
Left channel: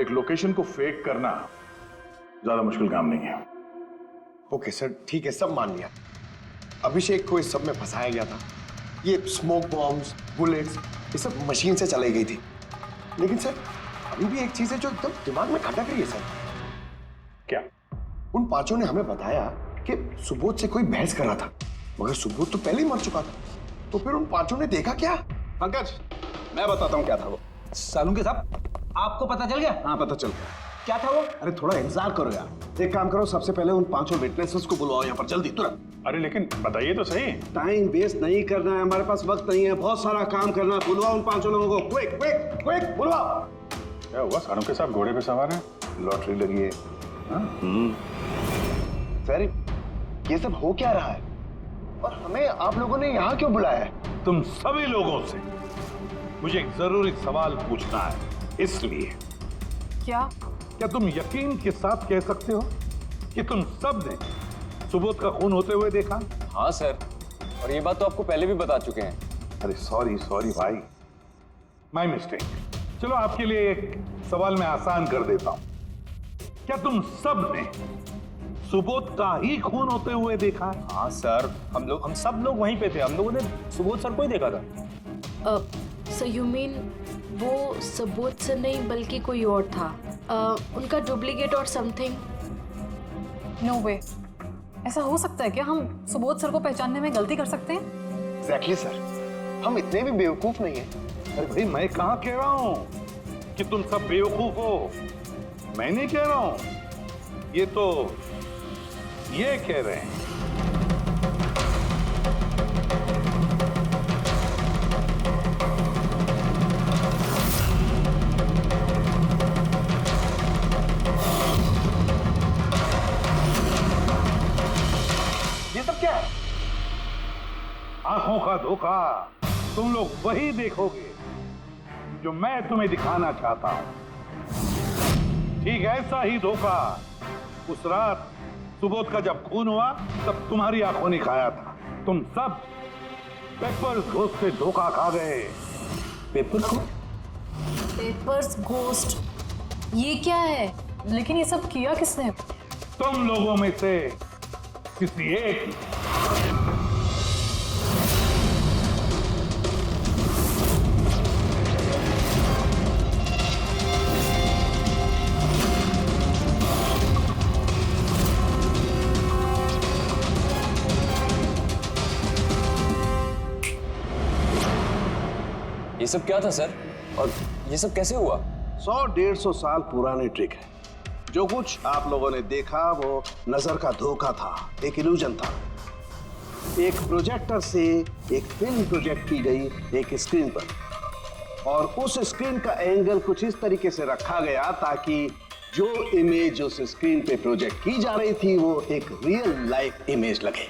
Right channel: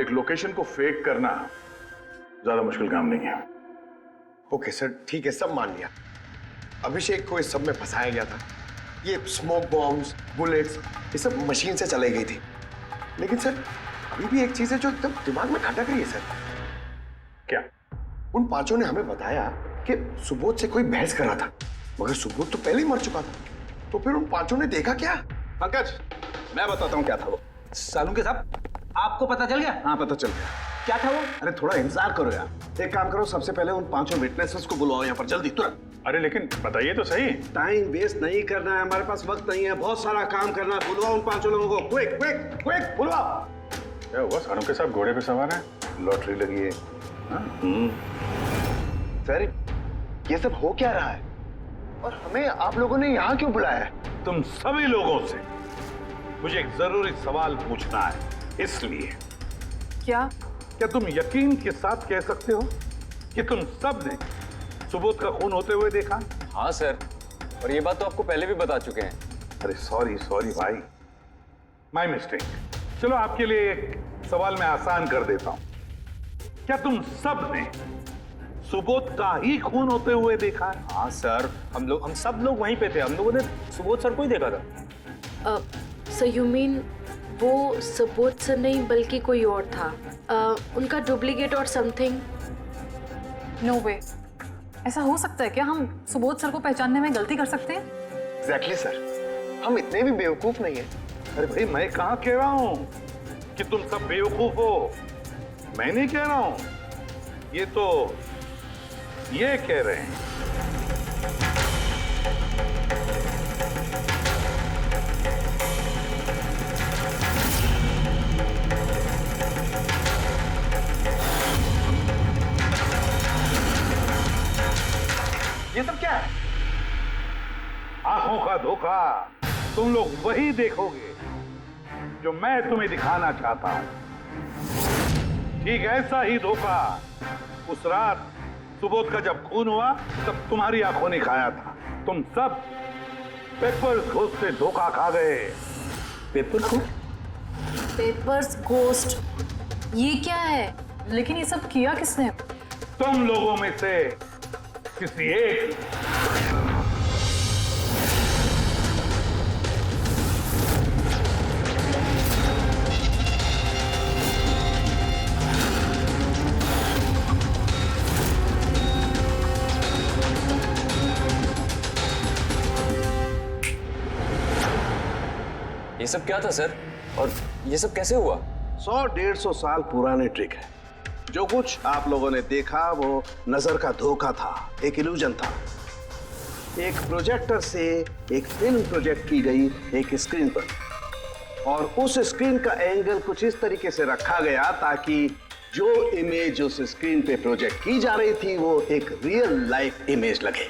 एक लोकेशन को फेक करना ज्यादा मुश्किल काम नहीं है। ओके सर ठीक है, सब मान लिया। अभिषेक को इस सब में फंसाया गया था, ये स्मोक बॉम्ब्स, बुलेट्स, ये सब मशीन से चलाई गई थी। लेकिन सर अभी भी एक चीज है जो एकदम दिमाग में खटक रही है सर। क्या? उन पांचों ने हमें बताया कि सुबोध से कोई बहस कर रहा था, मगर सुबोध तो पहले ही मर चुका था, तो फिर उन पांचों ने देखा क्या? पंकज मैं बताता हूँ क्या था वो। सालुंके साहब आपको पता चल गया? हाँ पता चल गया। क्या था वो? अरे थोड़ा इंतजार करो यार। एक काम करो, सबसे पहले उन पांचों विटनेसेस को बुलाओ यहाँ पर जल्दी, तुरंत। अरे लेकिन बताइए तो सही। टाइम वेस्ट नहीं करना है, हमारे पास वक्त नहीं है, बहुत सारा काम करना है। बुलवाओ उन पांचों लोगों को, क्विक क्विक क्विक बुलवाओ। क्या हुआ? सालुंके साहब घोड़े पे सवार हैं? लॉटरी लगी है। सर ये सब हो क्या रहा है, और हमें आप लोगों ने यहाँ क्यों बुलाया है? तुम सभी लोगों से मुझे एक जरूरी सवाल पूछना है, इसलिए। क्या तुम यकीन के साथ कह सकते हो कि तुम सब ने सुबोध का खून होते हुए देखा? हाँ सर, और ये बात तो आपको पहले भी बता चुके हैं। अरे सॉरी भाई, माय मिस्टेक। चलो आपके लिए एक सवाल मैं आसान कर देता हूं। क्या तुम सब ने सुबोध का ही खून होते हुए देखा है? हाँ सर, हम सब लोग वहीं पे थे, हम लोगों ने सुबोध सर को ही देखा था। सर यू मीन वो सुबोध सर नहीं बल्कि कोई और था, उनका डुप्लीकेट और समथिंग? नो वे, ऐसा हो सकता है क्या? हम सुबोध सर को पहचानने में गलती कर सकते हैं? एग्जैक्टली सर, हम इतने भी बेवकूफ नहीं है। अरे भाई मैं कहां कह रहा हूं कि तुम सब बेवकूफ हो, मैं नहीं कह रहा हूं, ये तो ये कह रहे हैं। ये सब क्या है? आंखों का धोखा। तुम लोग वही देखोगे जो मैं तुम्हें दिखाना चाहता हूं। ठीक ऐसा ही धोखा उस रात सुबोध का जब खून हुआ तब तुम्हारी आंखों ने खाया था। तुम सब पेपर्स घोस्ट से धोखा खा गए। पेपर्स घोस्ट, ये क्या है? लेकिन ये सब किया किसने? तुम लोगों में से किसी एक ने। ये सब क्या था सर? और ये सब कैसे हुआ? 100-150 साल पुराने ट्रिक है। जो कुछ आप लोगों ने देखा वो नजर का धोखा था, एक इल्यूजन था। एक प्रोजेक्टर से एक फिल्म प्रोजेक्ट की गई एक स्क्रीन पर, और उस स्क्रीन का एंगल कुछ इस तरीके से रखा गया ताकि जो इमेज उस स्क्रीन पे प्रोजेक्ट की जा रही थी वो एक रियल लाइफ इमेज लगे।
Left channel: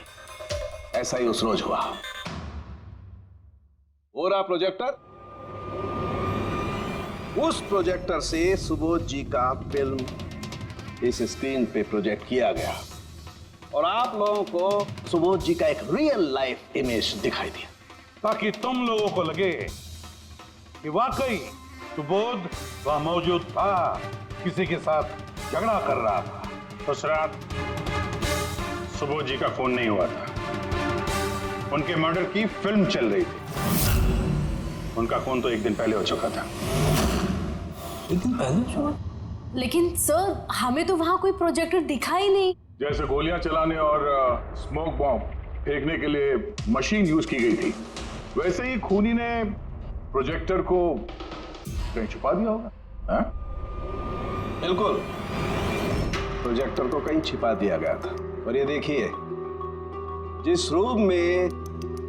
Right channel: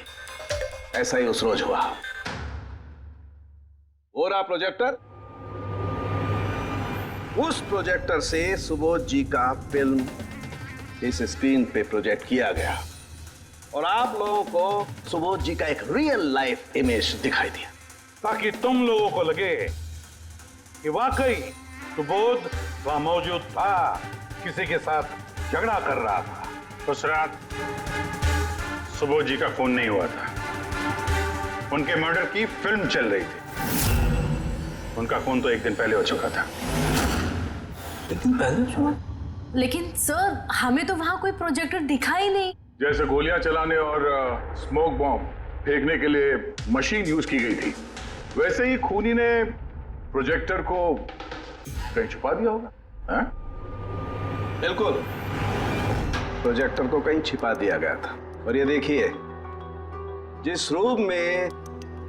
ऐसा ही उस रोज हुआ। हो रहा प्रोजेक्टर, उस प्रोजेक्टर से सुबोध जी का फिल्म इस स्क्रीन पे प्रोजेक्ट किया गया और आप लोगों को सुबोध जी का एक रियल लाइफ इमेज दिखाई दिया, ताकि तुम लोगों को लगे कि वाकई सुबोध वहां मौजूद था, किसी के साथ झगड़ा कर रहा था। उस रात सुबोध जी का खून नहीं हुआ था, उनके मर्डर की फिल्म चल रही थी। उनका खून तो एक दिन पहले हो चुका था। एक दिन पहले? लेकिन सर हमें तो वहां कोई प्रोजेक्टर दिखा ही नहीं। जैसे गोलियां चलाने और स्मोक बॉम्ब फेंकने के लिए मशीन यूज की गई थी, वैसे ही खूनी ने प्रोजेक्टर को कहीं छुपा दिया होगा। हाँ? बिल्कुल, प्रोजेक्टर को कहीं छिपा दिया गया था। और ये देखिए, जिस रूम में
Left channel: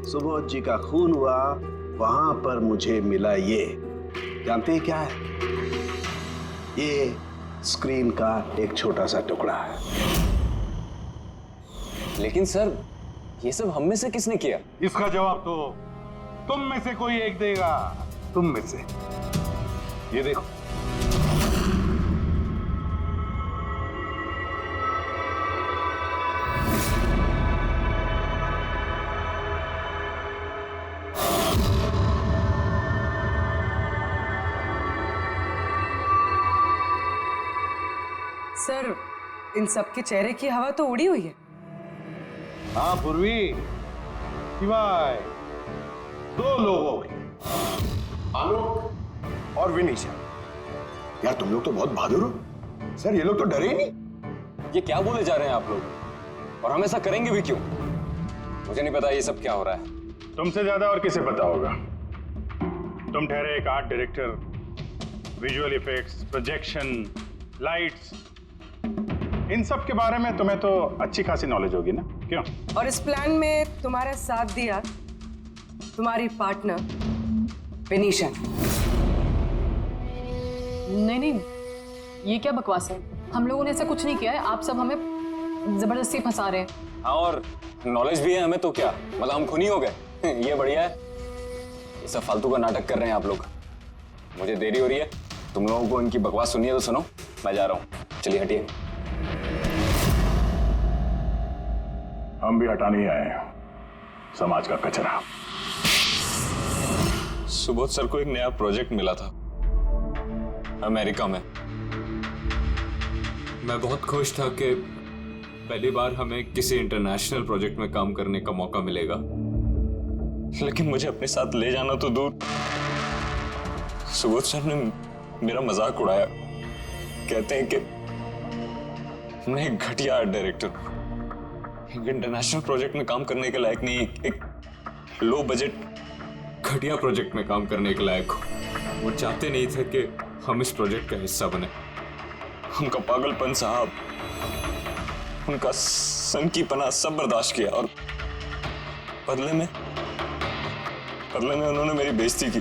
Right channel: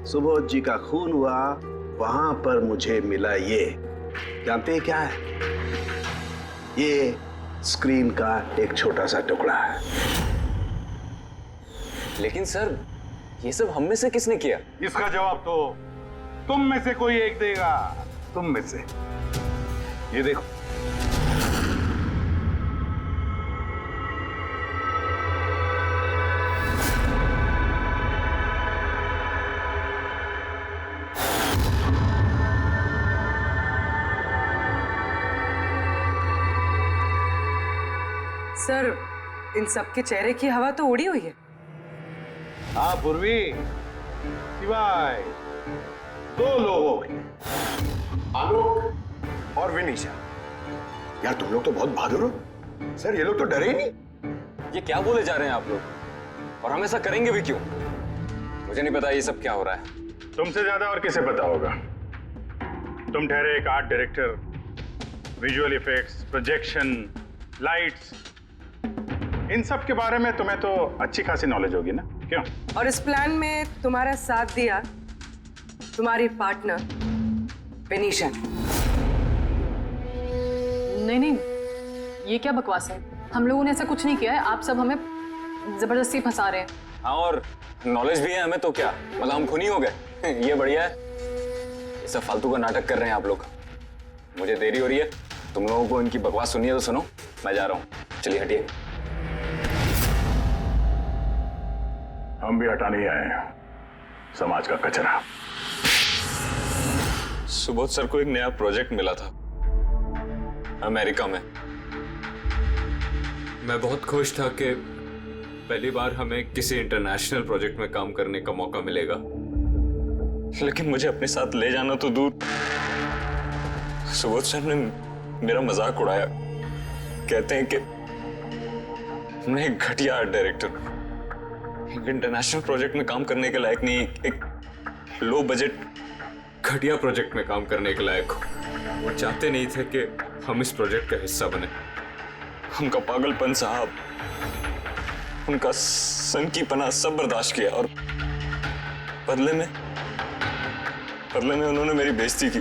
सुबोध जी का खून हुआ वहां पर मुझे मिला ये, जानते हैं क्या है? ये स्क्रीन का एक छोटा सा टुकड़ा है। लेकिन सर ये सब हम में से किसने किया? इसका जवाब तो तुम में से कोई एक देगा। तुम में से। ये देखो, सर इन सबके चेहरे की हवा तो उड़ी हुई है। हाँ पूर्वी, सिवाय 2 लोगों की, आलोक और विनीशा। यार तुम लोग तो बहुत बहादुर हो। सर ये लोग तो डरे ही नहीं। ये क्या बोले जा रहे हैं आप लोग? और हम ऐसा करेंगे भी क्यों? मुझे नहीं पता ये सब क्या हो रहा है। तुमसे ज्यादा और किसे पता होगा? तुम ठहरे एक art director, visual effects, projection, lights, इन सब के बारे में तुम्हें तो अच्छी खासी नॉलेज होगी ना, क्यों? और इस प्लान में तुम्हारा साथ दिया तुम्हारी पार्टनर विनीशा। नहीं नहीं, ये क्या बकवास है? हम लोगों ने ऐसा कुछ नहीं किया है। आप सब हमें जबरदस्ती फंसा रहे हैं। हाँ, और नॉलेज भी है हमें तो क्या, मतलब हम खूनी हो गए? ये बढ़िया है। ये सब फालतू का नाटक कर रहे हैं आप लोग। मुझे देरी हो रही है, तुम लोगों को इनकी बकवास सुनिए तो सुनो, मैं जा रहा हूँ। चलिए हटिए। हम भी हटाने ही आए हैं समाज का कचरा। सुबोध सर को एक नया प्रोजेक्ट मिला था अमेरिका में। मैं बहुत खुश था कि पहली बार हमें किसी इंटरनेशनल प्रोजेक्ट में काम करने का मौका मिलेगा, लेकिन मुझे अपने साथ ले जाना तो दूर, सुबोध सर ने मेरा मजाक उड़ाया। कहते हैं कि मैं एक घटिया आर्ट डायरेक्टर हूं, एक इंटरनेशनल प्रोजेक्ट में काम करने के लायक नहीं, एक लो बजट घटिया प्रोजेक्ट में काम करने के लायक हूं। वो चाहते नहीं थे कि हम इस प्रोजेक्ट का हिस्सा बने। उनका पागलपन साहब, उनका सनकीपना सब बर्दाश्त किया, और बदले में उन्होंने मेरी बेइज्जती की।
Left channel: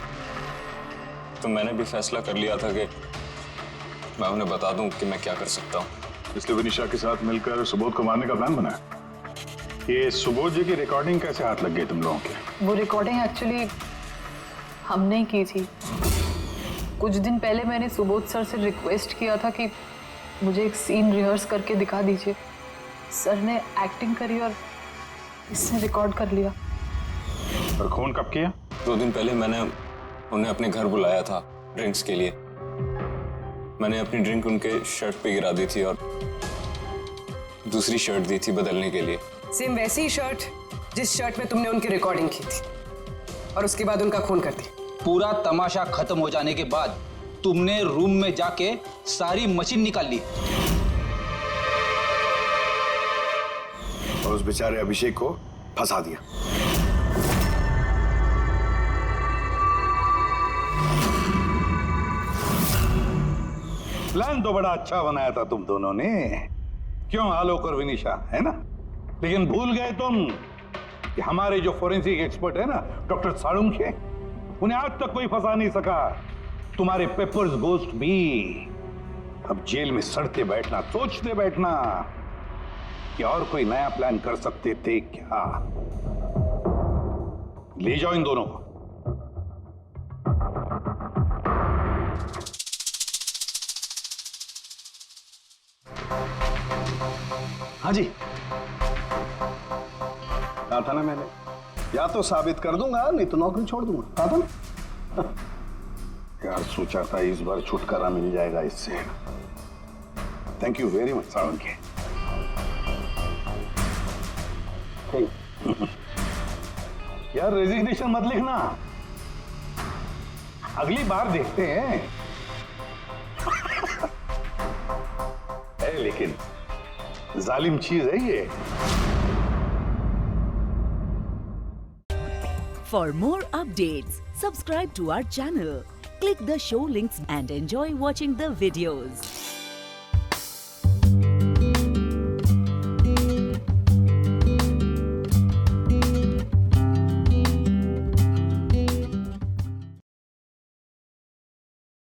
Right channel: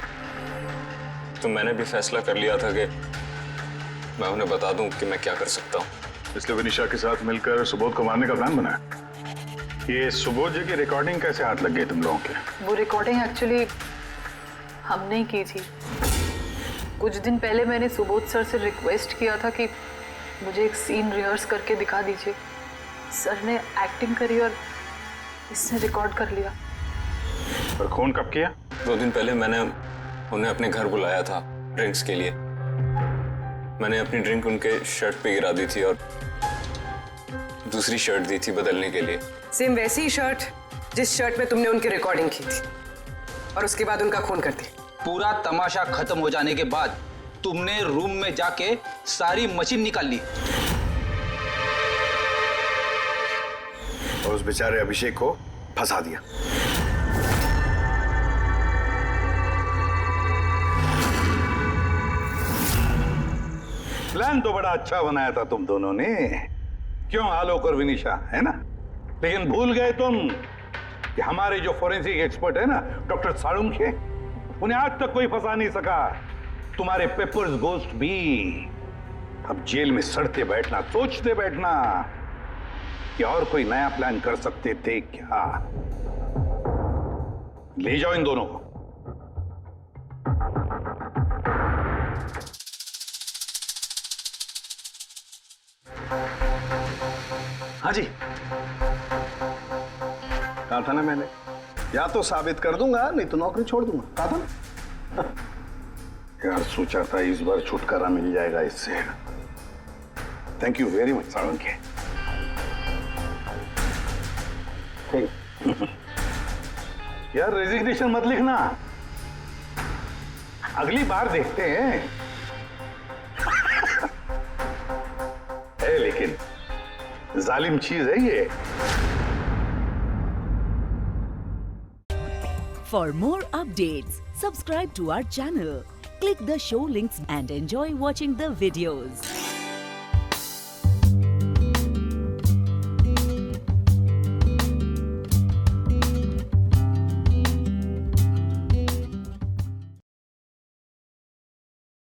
तो मैंने भी फैसला कर लिया था कि मैं उन्हें बता दूं कि मैं क्या कर सकता हूं। इसलिए विनीशा के साथ मिलकर सुबोध को मारने का प्लान बनाया। ये सुबोध जी की रिकॉर्डिंग कैसे हाथ लग गई तुम लोगों के? वो रिकॉर्डिंग एक्चुअली हमने ही की थी। कुछ दिन पहले मैंने सुबोध सर से रिक्वेस्ट किया था कि मुझे एक सीन रिहर्स करके दिखा दीजिए। सर ने एक्टिंग करी और इसने रिकॉर्ड कर लिया। और खून कब किया? 2 दिन पहले मैंने उन्हें अपने घर बुलाया था ड्रिंक्स के लिए। मैंने अपनी ड्रिंक उनके शर्ट पे गिरा दी थी और दूसरी शर्ट दी थी बदलने के लिए। सेम वैसी ही शर्ट जिस शर्ट में तुमने उनकी रिकॉर्डिंग की थी, और उसके बाद उनका खून कर दिया। पूरा तमाशा खत्म हो जाने के बाद तुमने रूम में जाके सारी मशीन निकाल ली और उस बेचारे अभिषेक को फंसा दिया। प्लान तो बड़ा अच्छा बनाया था तुम दोनों ने, क्यों आलोक और विनिशा, है ना? लेकिन भूल गए तुम कि हमारे जो फोरेंसिक एक्सपर्ट है ना, डॉक्टर साळुंखे, उन्हें आज तक कोई फंसा नहीं सका। तुम्हारे पेपर्स गोस्ट भी अब जेल में सड़ते बैठना, सोचते बैठना कि और कोई नया प्लान कर सकते थे क्या। ले जाओ इन दोनों को। हाँ जी, कहा था ना मैंने, या तो साबित कर दूंगा नहीं तो नौकरी छोड़ दूंगा, कहा था ना। यार सोचा था इस बार छुटकारा मिल जाएगा इससे। Thank you very much Salunkhe. यार रेजिग्नेशन मत लिखना, अगली बार देखते हैं। है लेकिन जालिम चीज है ये। For more updates, subscribe to our channel, click the show links and enjoy watching the videos.